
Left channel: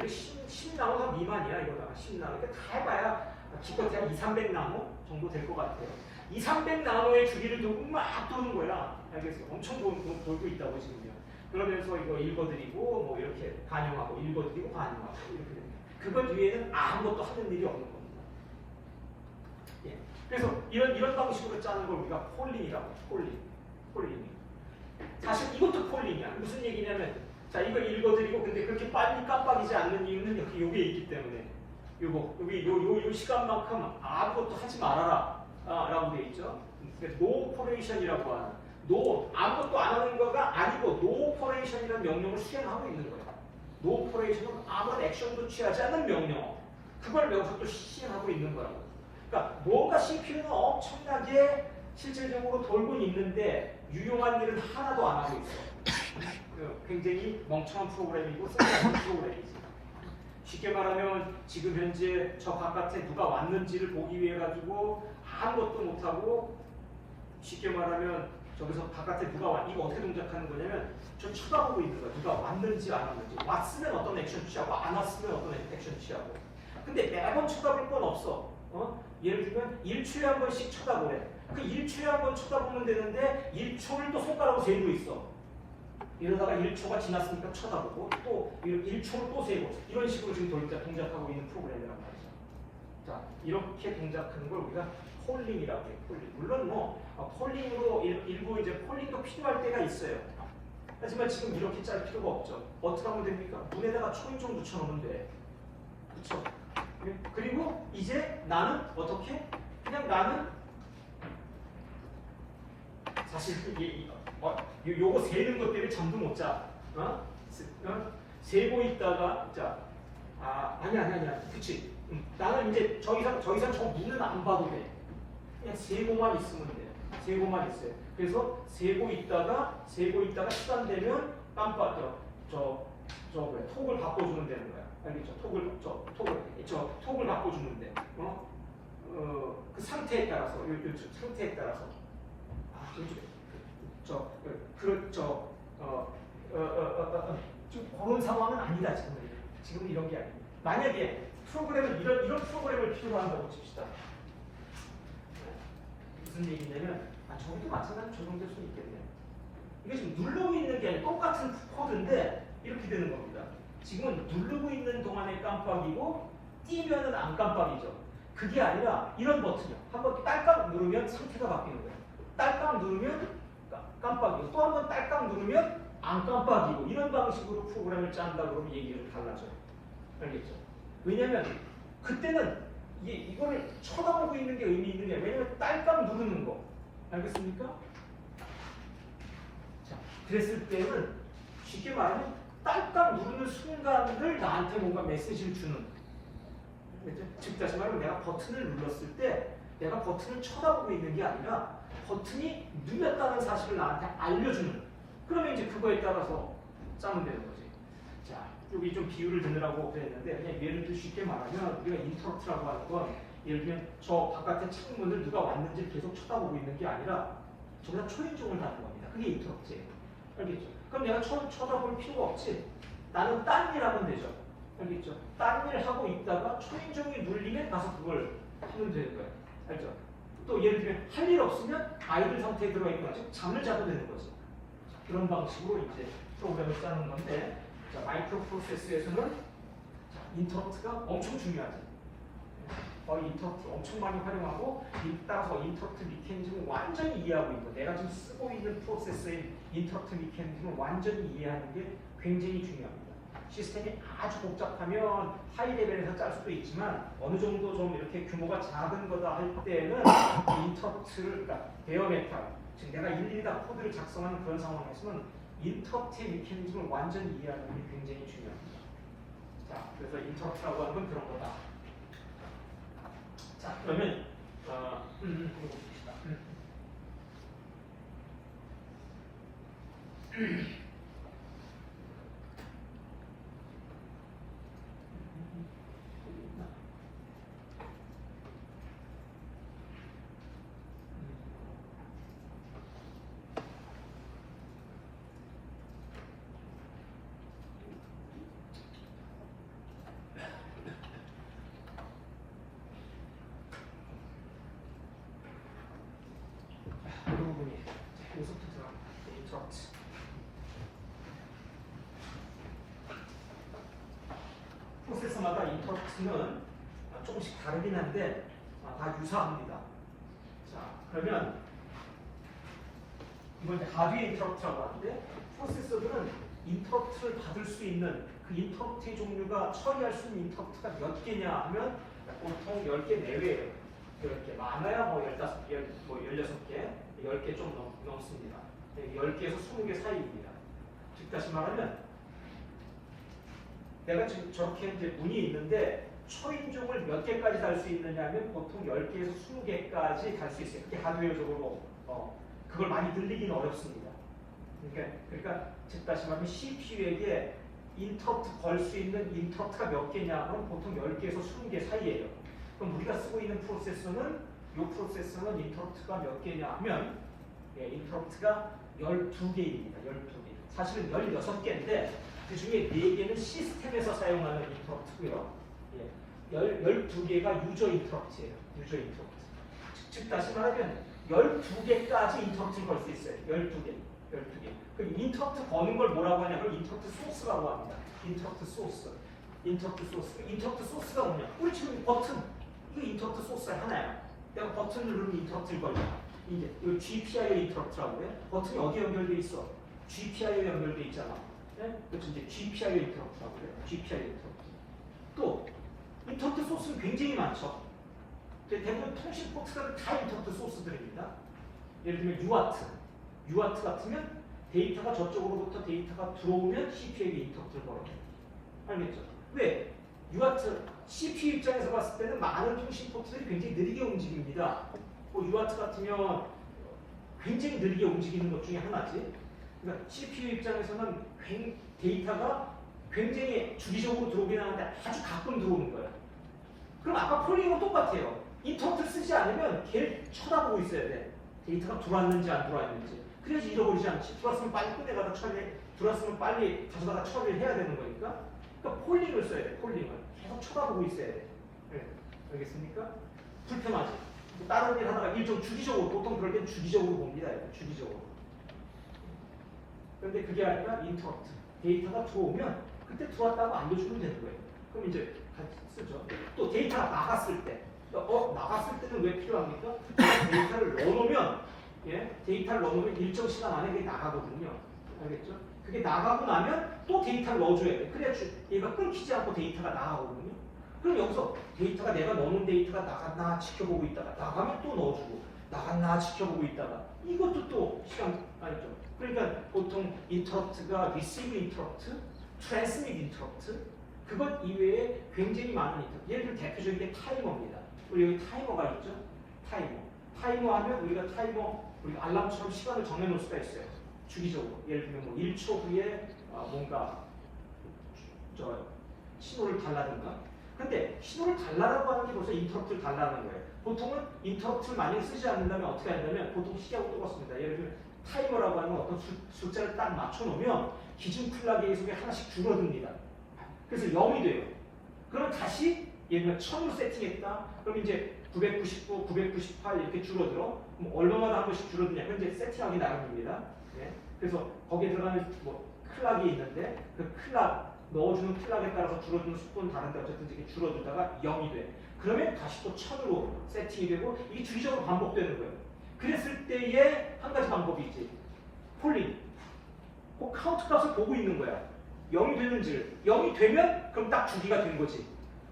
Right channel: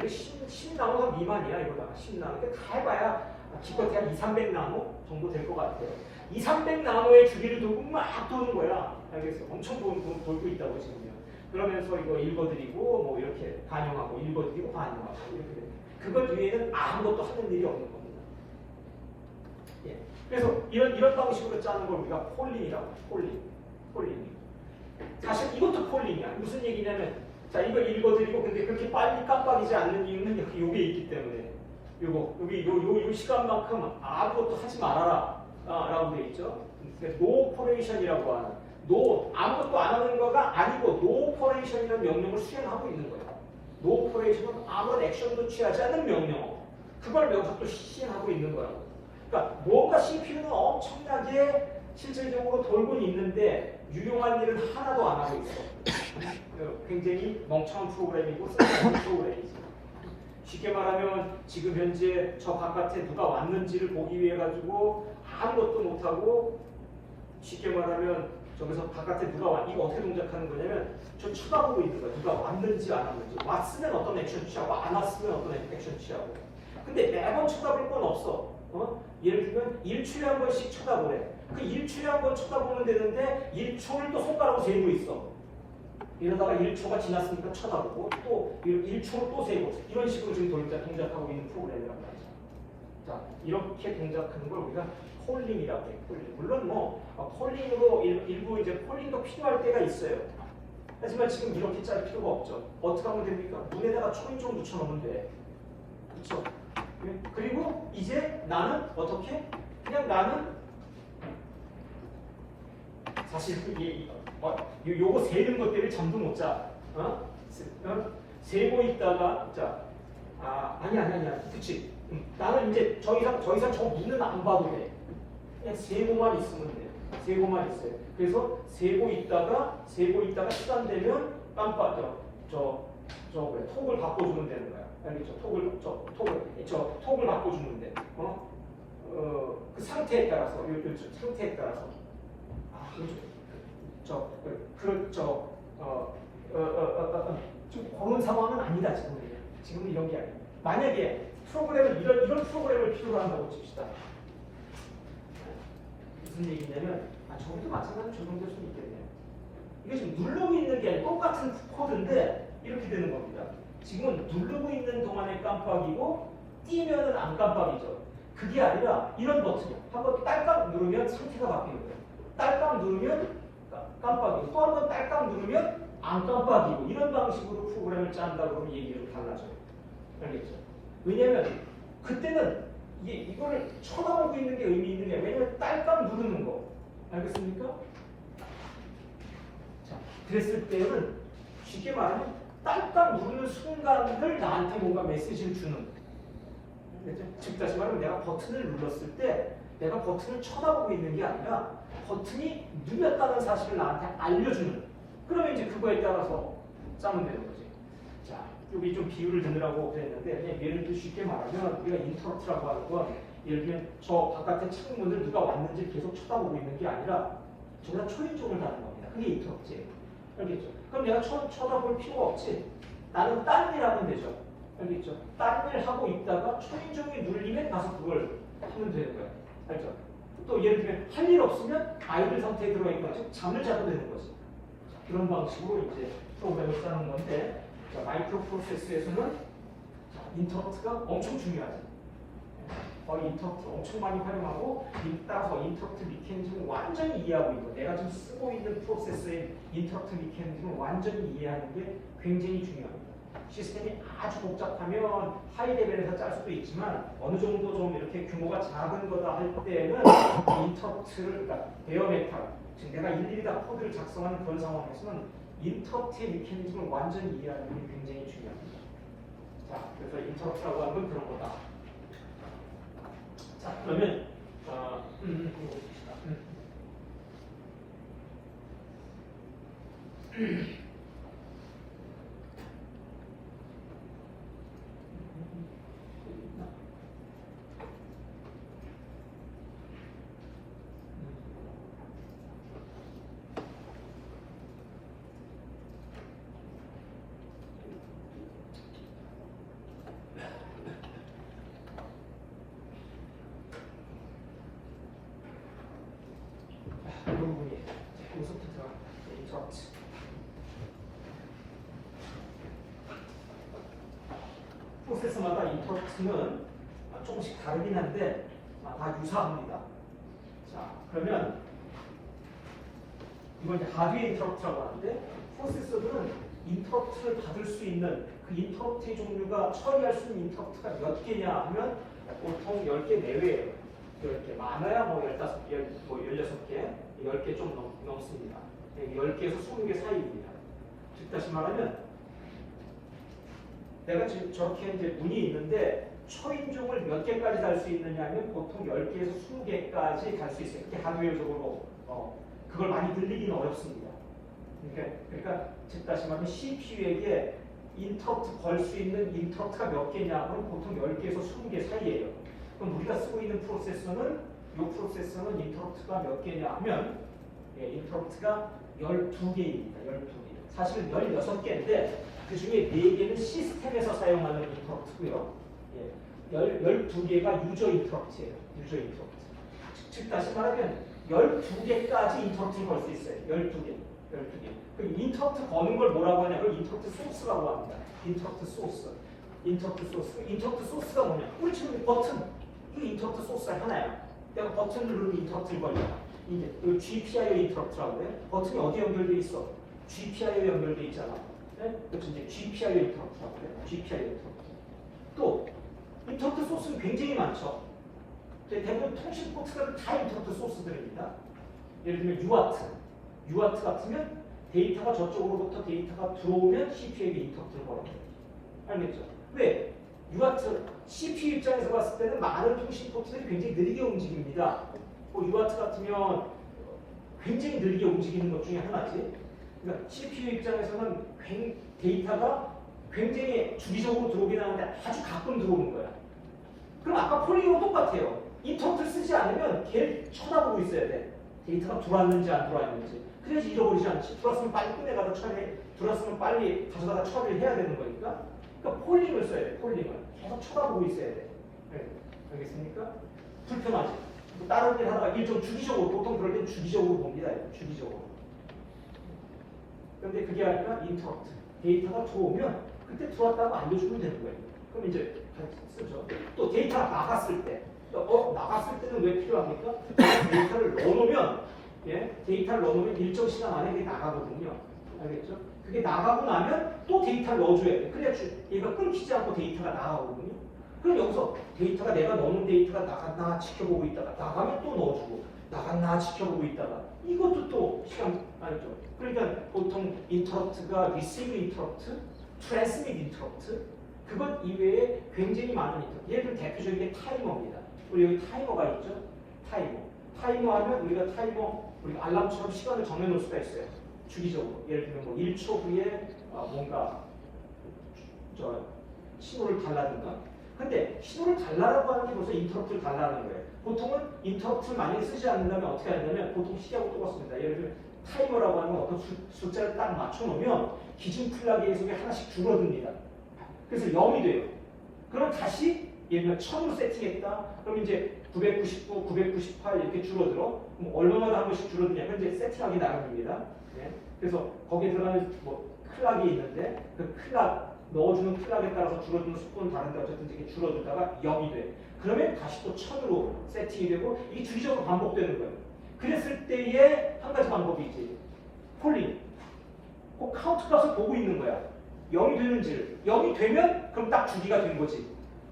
10나노가 미만이야. 이거가 10나노. 그러니까 다 해봐야 기껏 한 200~300나노 정도 될 것 같아요. 200~300나노의 주기를 돌고 막 도는 거야. 알겠어요? 엄청 돌고 있다고 지금요. 그러면서 이거 읽어드리고 뭐 이렇게 반영하고 읽어드리고 반영하고 이렇게 됩니다. 그것 위에는 아무것도 하는 일이 없는 겁니다. 예. 그래서 이런 방식으로 짜는 걸 우리가 폴링이라고 해요. 폴링. 사실 이것도 폴링이야. 무슨 얘기냐면 자 이거 읽어드리고 근데 그렇게 빨리 깜빡이지 않는 이유는 요게 있기 때문에 요 시간만큼 아무것도 하지 말아라 라고 되어 있죠. 그러니까 no operation이라고 하는 아무것도 안 하는 거가 아니고 no operation이라는 명령을 수행하고 있는 거예요. no operation은 아무런 액션도 취하지 않는 명령. 그걸 여기서 또 시행하고 있는 거라고. 그러니까 뭔가 CPU는 엄청나게 실질적으로 돌고 있는데 유용한 일은 하나도 안 하고 있어. 굉장히 멍청한 프로그램이고 쓸데없는 프로그램이지. 쉽게 말하면 지금 현재 저 바깥에 누가 왔는지를 보기 위해 가지고 아무것도 못하고 쉽게 말하면 저기서 바깥에 누가 와 이거 어떻게 동작하는 거냐면 저 쳐다보고 있는 거야. 누가 왔는지 안 왔는지. 왔으면 어떤 액션 취하고 안 왔으면 어떤 액션 취하고. 근데 매번 쳐다볼 건 없어. 예를 들면 1초에 한 번씩 쳐다보래. 그 1초에 한 번 쳐다보면 되는데 1초를 또 손가락으로 세고 있어. 이러다가 1초가 지났으니까 쳐다보고 또 1초를 또 세고 이런 식으로 지금 동작하고 있는 프로그램이란 말이죠. 자, 이렇게 동작하는 걸 우리가 폴링이라고 해요. 폴링. 물론 뭐 폴링으로 일부 이제 폴링도 필요할 때가 있어요. 하지만 지금 이렇게 짤 필요가 없죠. 어떻게 하면 됩니까? 문에다가 초인종 붙여놓으면 돼. 그렇죠? 그리고 이제 나는 어떻게? 그냥 나는 사실 요거 세는 것 때문에 잠도 못 자. 세고 있다가 아니야. 그치? 나는 이제 더 이상 저 문은 안 봐도 돼. 그냥 세고만 있으면 돼. 세고만 있어요. 그래서 세고 있다가 시간 되면 톡을 바꿔주면 되는 거야. 알겠죠? 톡을 바꿔주면 돼. 그 상태에 따라서 상태에 따라서 좀 그런 상황은 아니다 지금 이런 게 아니에요. 만약에 프로그램을 이런 프로그램을 필요로 한다고 칩시다. 무슨 얘기냐면 저것도 마찬가지로 적용될 수 있겠네요. 이게 지금 누르고 있는 게 아니라 똑같은 코드인데 이렇게 되는 겁니다. 지금은 누르고 있는 동안에 깜빡이고 띄면은 안 깜빡이죠. 그게 아니라 이런 버튼이요. 한번 딸깍 누르면 상태가 바뀌는 거예요. 딸깍 누르면 깜빡이고 또 한 번 딸깍 누르면 안 깜빡이고 이런 방식으로 프로그램을 짠다 그러면 얘기가 달라져요. 알겠죠? 왜냐면 그때는 이거를 쳐다보고 있는 게 의미 있느냐? 왜냐면 딸깍 누르는 거. 알겠습니까? 자, 그랬을 때는 쉽게 말하면 딸깍 누르는 순간을 나한테 뭔가 메시지를 주는. 즉 다시 말하면 내가 버튼을 눌렀을 때 내가 버튼을 쳐다보고 있는 게 아니라 버튼이 눌렸다는 사실을 나한테 알려주는. 그러면 이제 그거에 따라서 짜면 되는 거지. 자, 여기 좀 비유를 드느라고 그랬는데 예를 들어 쉽게 말하면 우리가 인터럽트라고 하는 건 예를 들면 저 바깥에 창문을 누가 왔는지 계속 쳐다보고 있는 게 아니라 저기다 초인종을 다는 겁니다. 그게 인터럽트예요. 알겠죠? 그럼 내가 쳐다볼 필요가 없지. 나는 딴 일 하면 되죠. 알겠죠? 딴 일 하고 있다가 초인종이 눌리면 가서 그걸 하면 되는 거예요. 알죠? 또 예를 들면 할 일 없으면 아이들 상태에 들어가 있는 거지 잠을 자도 되는 거지. 그런 방식으로 이제 프로그램을 짜는 건데 자, 마이크로 프로세스에서는 인터프트가 엄청 중요하죠. 거의 인터프트 엄청 많이 활용하고 따라서 인터프트 미케니즘을 완전히 이해하고 있고 내가 지금 쓰고 있는 프로세스의 인터프트 미케니즘을 완전히 이해하는 게 굉장히 중요합니다. 시스템이 아주 복잡하면 하이 레벨에서 짤 수도 있지만 어느 정도 좀 이렇게 규모가 작은 거다 할 때는 인터프트를 그러니까 베어 메탈 지금 내가 일일이 다 코드를 작성하는 그런 상황에서는 인터프트의 미케니즘을 완전히 이해하는 게 굉장히 중요합니다. 자, 그래서 인터프트라고 하는 건 그런 거다. 자, 그러면 이거 봅시다. 이 부분이 여기서부터 인터프트. 프로세서마다 인터프트는 조금씩 다르긴 한데 다 유사합니다. 자, 그러면 이건 이제 하드웨어 인터프트라고 하는데 프로세서들은 인터프트를 받을 수 있는 그 인터프트의 종류가 처리할 수 있는 인터프트가 몇 개냐 하면 보통 10개 내외예요. 이렇게 많아야 뭐 15개, 뭐 16개, 10개 좀 넘습니다. 10개에서 20개 사이입니다. 즉 다시 말하면 내가 지금 저렇게 이제 문이 있는데 초인종을 몇 개까지 달 수 있느냐 하면 보통 10개에서 20개까지 갈 수 있어요. 그게 하드웨어적으로 그걸 많이 늘리기는 어렵습니다. 그러니까 즉 다시 말하면 CPU에게 인터프트 걸 수 있는 인터프트가 몇 개냐 하면 보통 10개에서 20개 사이예요. 그럼 우리가 쓰고 있는 프로세서는 이 프로세서는 인터프트가 몇 개냐 하면 인터프트가 12개입니다. 12개. 사실은 16개인데 그 중에 4개는 시스템에서 사용하는 인터프트고요. 12개가 유저 인터프트예요. 유저 인터프트. 즉 다시 말하면 12개까지 인터프트를 걸 수 있어요. 12개. 그럼 인터프트 거는 걸 뭐라고 하냐면 인터프트 소스라고 합니다. 인터프트 소스. 인터프트 소스가 뭐냐? 우리 지금 버튼. 이 인터프트 소스가 하나야. 내가 버튼을 누르면 인터프트를 걸려. 이제 이 GPIO 인터프트라고 해요. 버튼이 어디에 연결돼 있어? GPIO에 연결돼 있잖아. 네? 그래서 이제 GPIO 인터프트라고 해요. GPIO 인터프트. 또 인터프트 소스는 굉장히 많죠. 대부분 통신 포트들은 다 인터프트 소스들입니다. 예를 들면 UART 같으면 데이터가 저쪽으로부터 데이터가 들어오면 CPU에게 인터프트를 걸어요. 알겠죠? 왜? UART CPU 입장에서 봤을 때는 많은 통신 포트들이 굉장히 느리게 움직입니다. UART 같으면 굉장히 느리게 움직이는 것 중에 하나지. 그러니까 CPU 입장에서는 데이터가 굉장히 주기적으로 들어오긴 하는데 아주 가끔 들어오는 거야. 그럼 아까 폴링은 똑같아요. 인터프트를 쓰지 않으면 걔를 쳐다보고 있어야 돼. 데이터가 들어왔는지 안 들어왔는지. 그래야지 잊어버리지 않지. 들어왔으면 빨리 꺼내가다 들어왔으면 빨리 가져다가 처리를 해야 되는 거니까. 그러니까 폴링을 써야 돼. 폴링을. 계속 쳐다보고 있어야 돼. 네. 알겠습니까? 불편하지. 다른 일 하다가 일 좀 주기적으로, 보통 그럴 땐 주기적으로 봅니다. 주기적으로. 그런데 그게 아니라 인터프트. 데이터가 들어오면 그때 들어왔다고 알려주면 되는 거예요. 그럼 이제 쓰죠. 또 데이터가 나갔을 때. 나갔을 때는 왜 필요합니까? 데이터를 넣어놓으면, 데이터를 넣어놓으면 일정 시간 안에 그게 나가거든요. 알겠죠? 그게 나가고 나면 또 데이터를 넣어줘야 돼. 그래야 얘가 끊기지 않고 데이터가 나가거든요. 그럼 여기서 데이터가 내가 넣는 데이터가 나갔나 지켜보고 있다가 나가면 또 넣어주고 나갔나 지켜보고 있다가 이것도 또 시간 아니죠. 그러니까 보통 인터럽트가 receive 인터럽트, transmit 인터럽트 그것 이외에 굉장히 많은 인터럽트. 예를 들어 대표적인 게 타이머입니다. 우리 여기 타이머가 있죠. 타이머 하면 우리가 알람처럼 시간을 정해놓을 수가 있어요. 주기적으로. 예를 들면 뭐 1초 후에 뭔가 신호를 달라든가. 근데 신호를 달라라고 하는 게 벌써 인터럽트를 달라는 거예요. 보통은 인터럽트를 많이 쓰지 않는다면 어떻게 하냐면 보통 시하고 똑같습니다. 예를 들면 타이머라고 하는 어떤 숫자를 딱 맞춰놓으면 기준 플라그의 속에 하나씩 줄어듭니다. 그래서 0이 돼요. 그럼 다시 예를 들면 1000으로 세팅했다. 그럼 이제 999, 998 이렇게 줄어들어. 그럼 얼마마다 한 번씩 줄어드냐. 현재 세팅하기 나름입니다. 네. 그래서 거기에 들어가는 뭐 클락이 있는데 그 클락 넣어주는 클락에 따라서 줄어드는 속도는 다른데 어쨌든 이게 줄어들다가 0이 돼. 그러면 다시 또 1000으로 세팅이 되고 이게 주기적으로 반복되는 거예요. 그랬을 때에 한 가지 방법이 있지. 폴링. 그 카운트 값을 보고 있는 거야. 0이 되는지. 0이 되면 그럼 딱 주기가 된 거지.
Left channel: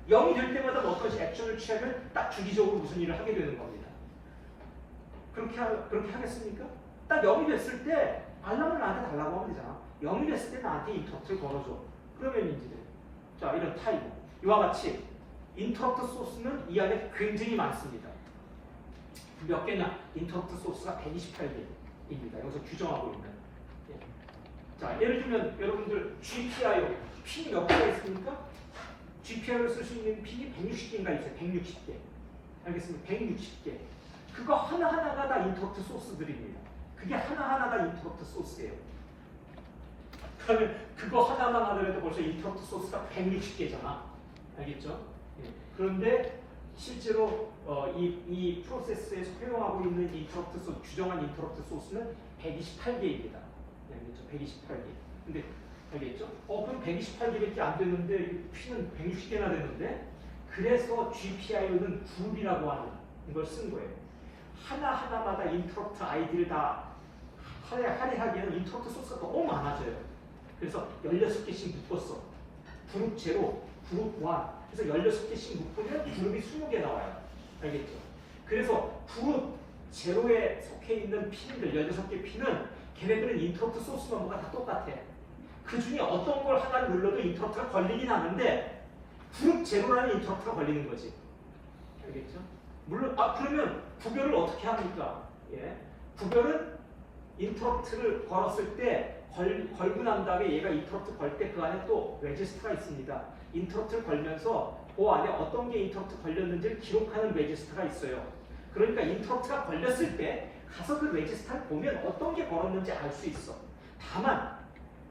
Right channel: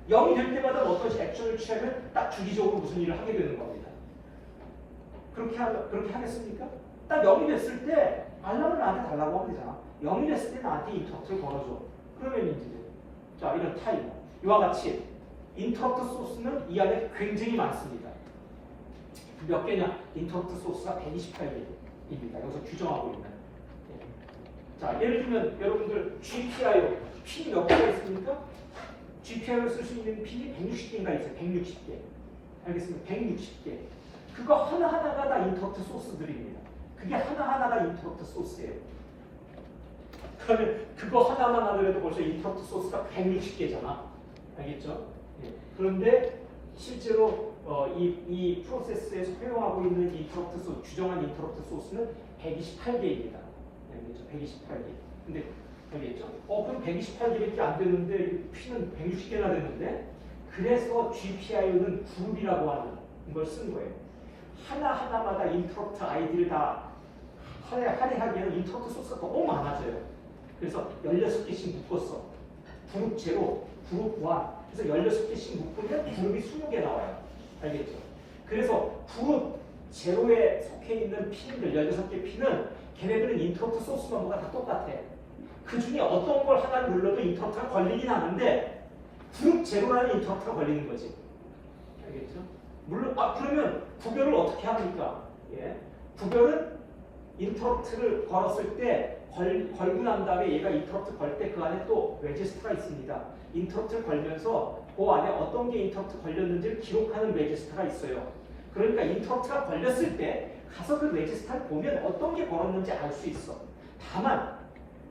0이 될 때마다 어떤 액션을 취하면 딱 주기적으로 무슨 일을 하게 되는 겁니다. 그렇게 하겠습니까? 딱 0이 됐을 때 알람을 나한테 달라고 하면 되잖아. 0이 됐을 때 나한테 인터럽트를 걸어줘. 그러면 이제 자 이런 타입 이와 같이 인터럽트 소스는 이 안에 굉장히 많습니다. 몇 개냐? 인터럽트 소스가 128개입니다. 여기서 규정하고 있는. 자 예를 들면 여러분들 GPIO 핀이 몇 개가 있습니까? GPIO를 쓸 수 있는 핀이 160개인가 있어요. 160개. 알겠습니까? 160개. 그거 하나하나가 다 인터럽트 소스들입니다. 그게 하나하나가 인터럽트 소스예요. 그러면 그거 하나만 하더라도 벌써 인터럽트 소스가 160개잖아. 알겠죠? 예. 그런데 실제로 이 프로세스에서 활용하고 있는 인터럽트 소스, 규정한 인터럽트 소스는 128개입니다. 알겠죠? 128개. 근데 알겠죠? 그럼 128개밖에 안 되는데 P는 160개나 되는데 그래서 GPIO는 굴이라고 하는 걸 쓴 거예요. 하나하나마다 인터럽트 아이디를 다 할애하기에는 인터럽트 소스가 너무 많아져요. 그래서 16개씩 묶었어. 그룹 제로, 그룹 1. 그래서 16개씩 묶으면 그룹이 20개 나와요. 알겠죠? 그래서 그룹 제로에 속해 있는 핀들, 16개 핀은 걔네들은 인터럽트 소스 넘버가 다 똑같아. 그 중에 어떤 걸 하나 눌러도 인터럽트가 걸리긴 하는데 그룹 제로라는 인터럽트가 걸리는 거지. 알겠죠? 물론 그러면 구별을 어떻게 합니까? 예. 구별은 인터럽트를 걸었을 때 걸고 난 다음에 얘가 인터럽트 걸 때 그 안에 또 레지스터가 있습니다. 인터럽트를 걸면서 그 안에 어떤 게 인터럽트 걸렸는지를 기록하는 레지스터가 있어요. 그러니까 인터럽트가 걸렸을 때 가서 그 레지스터를 보면 어떤 게 걸었는지 알 수 있어. 다만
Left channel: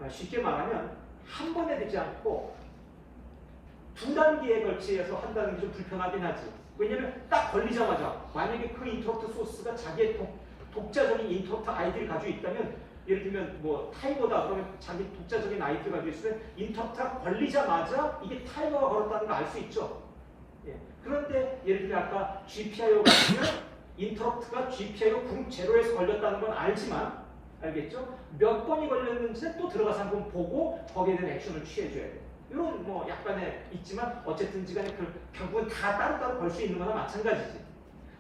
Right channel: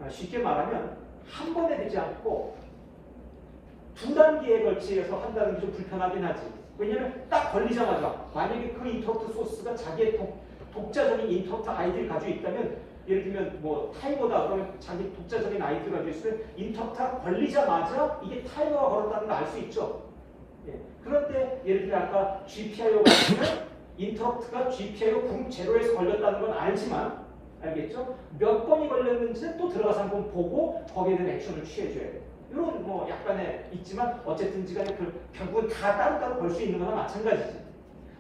쉽게 말하면 한 번에 되지 않고 두 단계에 걸치해서 한다는 게 좀 불편하긴 하지. 왜냐면 딱 걸리자마자 만약에 그 인터럽트 소스가 자기의 독자적인 인터럽트 아이디를 가지고 있다면 예를 들면 뭐 타이머다 그러면 자기 독자적인 아이디를 가지고 있으면 인터럽트가 걸리자마자 이게 타이머가 걸었다는 걸 알 수 있죠. 예. 그런데 예를 들면 아까 GPIO 같으면 인터럽트가 GPIO 그룹 제로에서 걸렸다는 건 알지만 알겠죠? 몇 번이 걸렸는지 또 들어가서 한번 보고 거기에 대한 액션을 취해줘야 돼. 이런 뭐 약간의 있지만 어쨌든 간에 결국은 다 따로따로 볼 수 있는 거나 마찬가지지.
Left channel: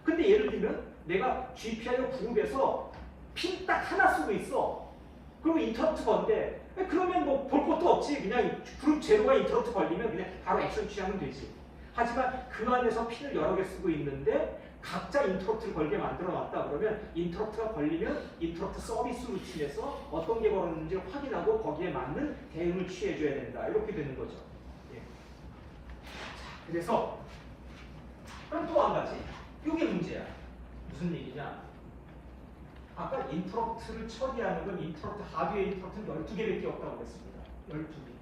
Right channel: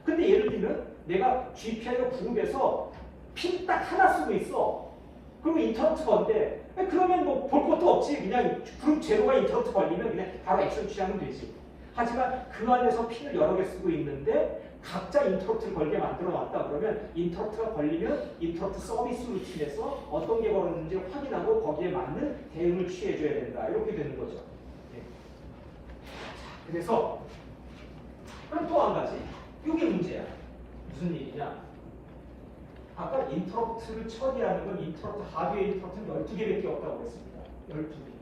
근데 예를 들면 내가 GPIO 그룹에서 핀 딱 하나 쓰고 있어. 그리고 인터럽트 건데 그러면 뭐 볼 것도 없지. 그냥 그룹 제로가 인터럽트 걸리면 그냥 바로 액션 취하면 되지. 하지만 그 안에서 핀을 여러 개 쓰고 있는데 각자 인터럽트를 걸게 만들어 놨다 그러면 인터럽트가 걸리면 인터럽트 서비스 루틴에서 어떤 게 걸었는지 확인하고 거기에 맞는 대응을 취해줘야 된다. 이렇게 되는 거죠. 예. 그래서 그럼 또 한 가지. 이게 문제야. 무슨 얘기냐? 아까 인터럽트를 처리하는 건 인터럽트 하드웨어 인터럽트는 12개밖에 없다고 그랬습니다. 12개.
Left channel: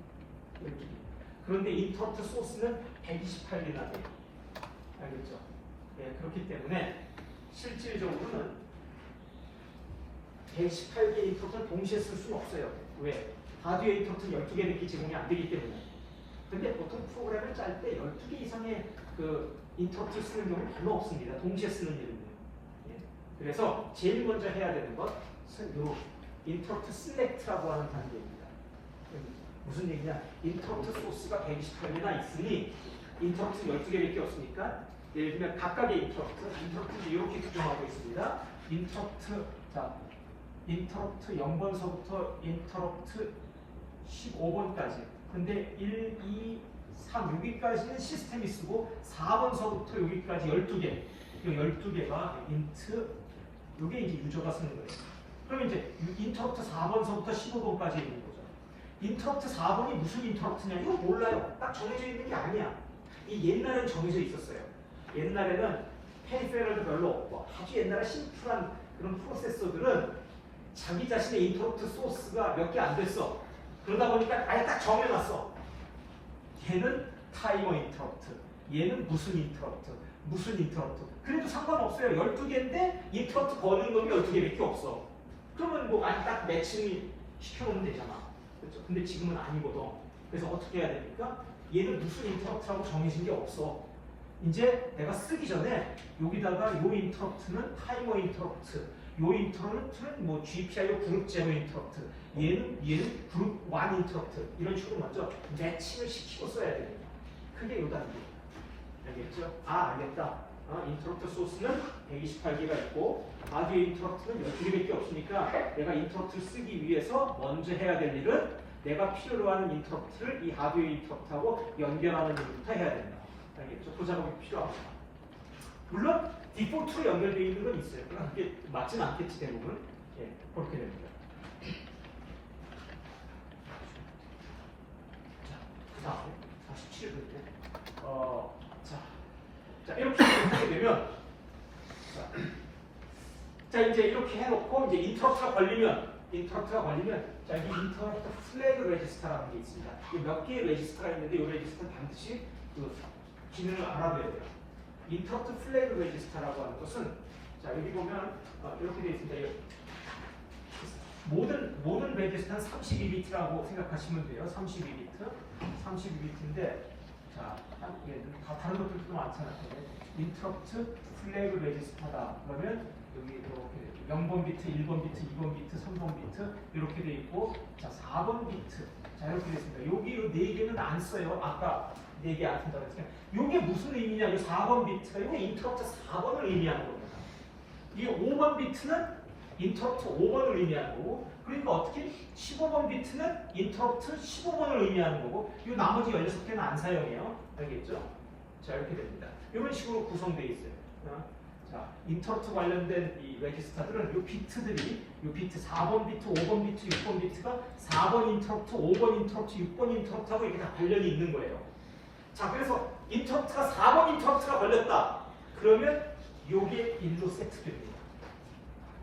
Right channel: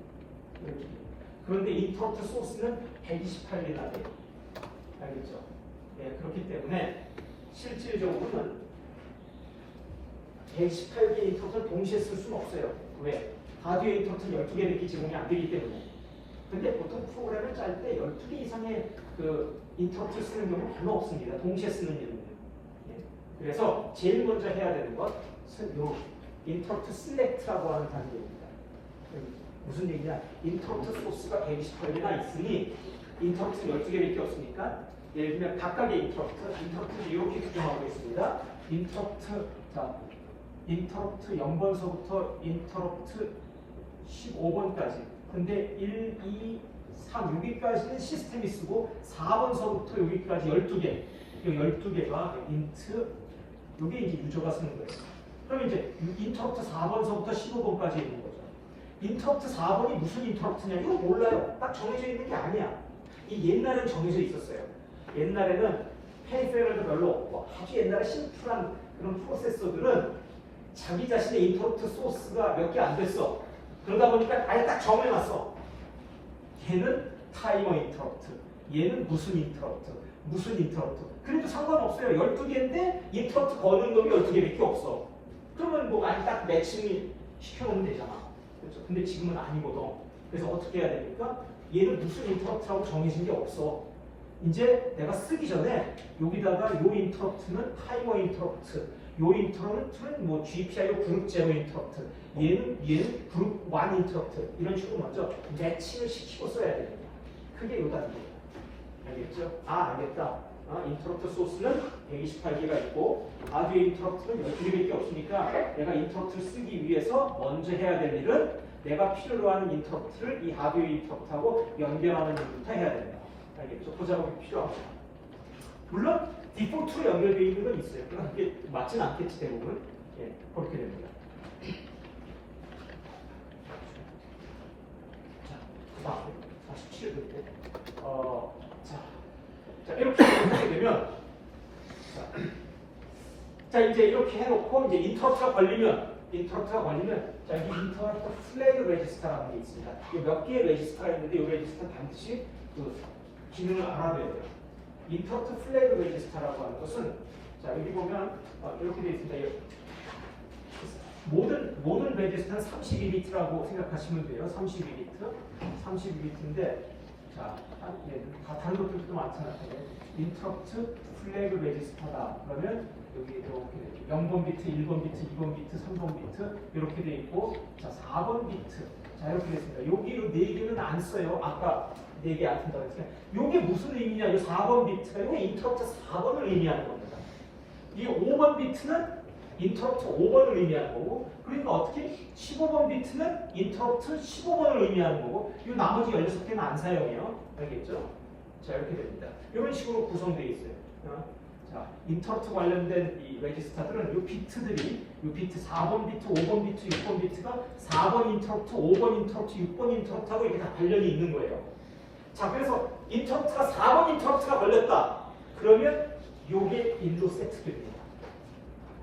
그런데 인터럽트 소스는 128개나 돼요. 알겠죠? 네, 그렇기 때문에 실질적으로는 118개 인터럽트를 동시에 쓸 수는 없어요. 왜? 하드웨어 인터럽트는 12개밖에 제공이 안 되기 때문에. 근데 보통 프로그램을 짤 때 12개 이상의 그 인터럽트를 쓰는 경우는 별로 없습니다. 동시에 쓰는 일은. 네. 그래서 제일 먼저 해야 되는 것은 이 인터럽트 셀렉트라고 하는 단계입니다. 무슨 얘기냐? 인터럽트 소스가 128개나 있으니 인터럽트 12개밖에 없으니까 예를 들면 각각의 인터럽트를 이렇게 규정하고 있습니다. 인터럽트 0번서부터 인터럽트 15번까지. 근데 1, 2, 3, 6위까지는 시스템이 쓰고 4번서부터 여기까지 12개. 이 12개가 인트, 이게 이제 유저가 쓰는 거예요. 그럼 이제 인터럽트 4번서부터 15번까지 있는 거죠. 인터럽트 4번이 무슨 인터럽트냐? 이거 몰라요. 딱 정해져 있는 게 아니야. 이 옛날에는 정해져 있었어요. 옛날에는 페리페럴도 별로 없고 아주 옛날에 심플한 그런 프로세서들은 자기 자신의 인터럽트 소스가 몇 개 안 됐어. 그러다 보니까 아예 딱 정해놨어. 얘는 타이머 인터럽트, 얘는 무슨 인터럽트, 무슨 인터럽트. 그래도 상관없어요. 12개인데 인터럽트 거는 놈이 12개밖에 없어. 그러면 뭐 아예 딱 매칭 시켜놓으면 되잖아. 그렇죠? 근데 지금은 아니거든. 그래서 어떻게 해야 됩니까? 얘는 무슨 인터럽트라고 정해진 게 없어. 이제 내가 쓰기 전에 여기다가 요 인터럽트는 타이머 인터럽트, 요 인터럽트는 뭐 GPIO 그룹 제로 인터럽트, 얘는 그룹 1 인터럽트 이런 식으로 먼저 매칭을 시키고 써야 돼요. 그게 요다 이거. 알겠죠? 알겠다. 인터럽트 소스는 128개가 있고 아디오 인터럽트는 12개밖에 없으니까 내가 인터럽트를 쓰기 위해서 먼저 해야 될 일은 내가 필요로 하는 인터럽트를 이 아디오 인터럽트하고 연결하는 일부터 해야 된다. 알겠죠? 그 작업이 필요하고. 물론 디폴트로 연결되어 있는 건 있어요. 그러나 그게 맞지는 않겠지 대부분. 예, 그렇게 됩니다. 자, 그 다음 47회 자, 이렇게 하게 되면 자 이제 이렇게 해놓고 이제 인터럽트가 걸리면 자 이 인터럽트 플래그 레지스터라는 게 있습니다. 이 몇 개의 레지스터가 있는데 이 레지스터 반드시 그 기능을 알아둬야 돼요. 인터럽트 플래그 레지스터라고 하는 것은 자 여기 보면 이렇게 되어 있습니다. 모든 레지스터는 32비트라고 생각하시면 돼요. 32비트인데 자 다 다른 것들도 많잖아요. 인터럽트 플래그 레지스터다. 그러면 여기 이렇게 0번 비트, 1번 비트, 2번 비트, 3번 비트 이렇게 돼 있고 자 4번 비트 자 이렇게 되어 있습니다. 여기 4개는 안 써요. 아까 4개 안 쓴다고 했어요. 이게 무슨 의미냐? 이 4번 비트가 이거 인터럽트 4번을 의미하는 겁니다. 이 5번 비트는 인터럽트 5번을 의미하는 거고 그러니까 어떻게 15번 비트는 인터럽트 15번을 의미하는 거고 이 나머지 16개는 안 사용해요. 알겠죠? 자 이렇게 됩니다. 이런 식으로 구성되어 있어요. 자 인터럽트 관련된 이 레지스터들은 이 비트들이 이 비트 4번 비트, 5번 비트, 6번 비트가 4번 인터럽트, 5번 인터럽트, 6번 인터럽트하고 이렇게 다 관련이 있는 거예요. 자 그래서 인터럽트가 4번 인터럽트가 걸렸다. 그러면 요게 1로 세트됩니다.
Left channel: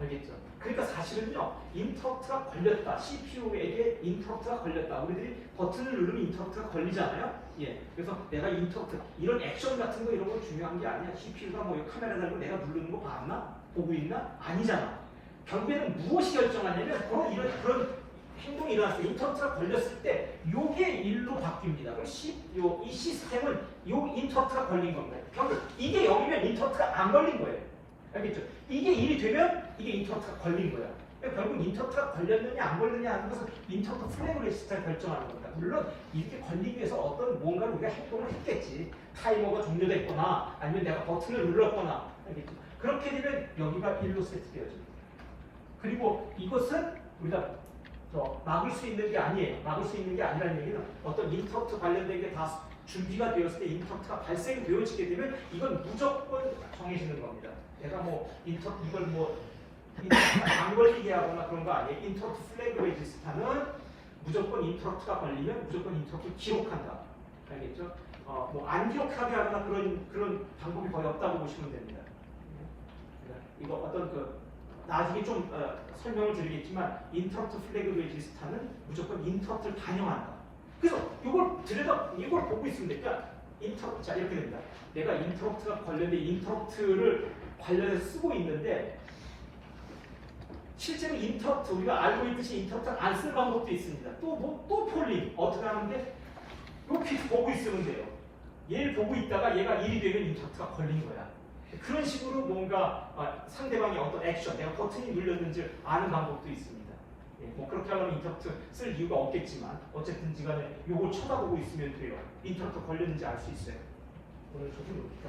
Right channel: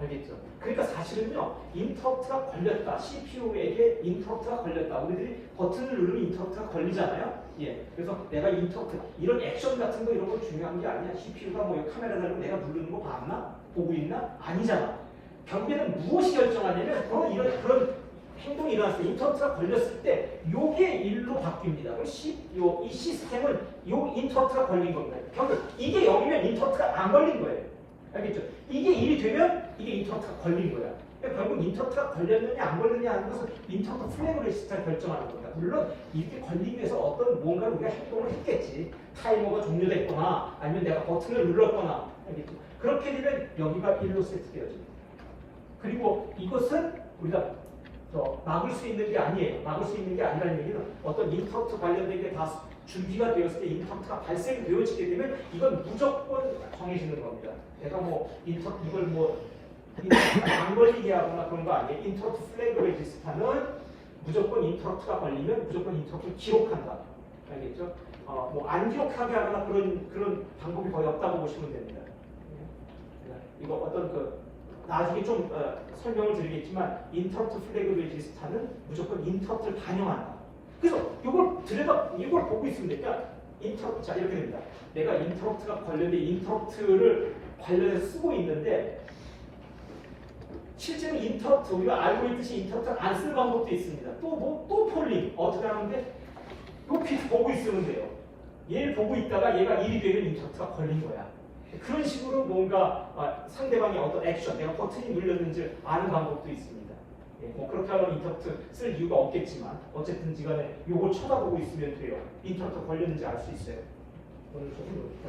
알겠죠? 그러니까 사실은요, 인터럽트가 걸렸다. CPU에게 인터럽트가 걸렸다. 우리들이 버튼을 누르면 인터럽트가 걸리잖아요? 예. 그래서 내가 인터럽트, 이런 액션 같은 거 이런 건 중요한 게 아니야. CPU가 뭐 카메라 달고 내가 누르는 거 봤나? 보고 있나? 아니잖아. 결국에는 무엇이 결정하냐면, 그런 행동이 일어났을 때, 인터럽트가 걸렸을 때, 요게 1로 바뀝니다. 그럼 이 시스템은 요 인터럽트가 걸린 겁니다. 결국 이게 0이면 인터럽트가 안 걸린 거예요. 알겠죠? 이게 1이 되면 이게 인터럽트가 걸린 거야. 그러니까 결국 인터럽트가 걸렸느냐 안 걸렸느냐 하는 것은 인터럽트 플래그 레지스터를 결정하는 겁니다. 물론 이렇게 걸리기 위해서 어떤 뭔가 우리가 행동을 했겠지. 타이머가 종료가 있거나 아니면 내가 버튼을 눌렀거나 알겠죠? 그렇게 되면 여기가 1로 세트되어집니다. 그리고 이것은 우리가 막을 수 있는 게 아니에요. 막을 수 있는 게 아니라는 얘기는 어떤 인터럽트 관련된 게 다 준비가 되었을 때 인터럽트가 발생되어지게 되면 이건 무조건 정해지는 겁니다. 내가 이걸 안 걸리게 하거나 그런 거 아니에요. 인터럽트 플래그 레지스터는 무조건 인터럽트가 걸리면 무조건 인터럽트를 기록한다. 알겠죠? 안 기록하게 하거나 그런 방법이 거의 없다고 보시면 됩니다. 이거 어떤 나중에 좀 설명을 드리겠지만 인터럽트 플래그 레지스터는 무조건 인터럽트를 반영한다. 그래서 이걸 보고 있습니다. 그러니까 자 이렇게 됩니다. 내가 인터럽트가 관련된 인터럽트를 관련해서 쓰고 있는데 실제로 인터럽트 우리가 알고 있듯이 인터럽트를 안 쓸 방법도 있습니다. 또 폴링 어떻게 하는데 요 비트 보고 있으면 돼요. 얘를 보고 있다가 얘가 1이 되면 인터럽트가 걸린 거야. 그런 식으로 뭔가 상대방의 어떤 액션, 내가 버튼이 눌렸는지 아는 방법도 있습니다. 그렇게 하려면 인터럽트 쓸 이유가 없겠지만 어쨌든지 간에 요걸 쳐다보고 있으면 돼요. 인터럽트 걸렸는지 알 수 있어요. 오늘 조금 더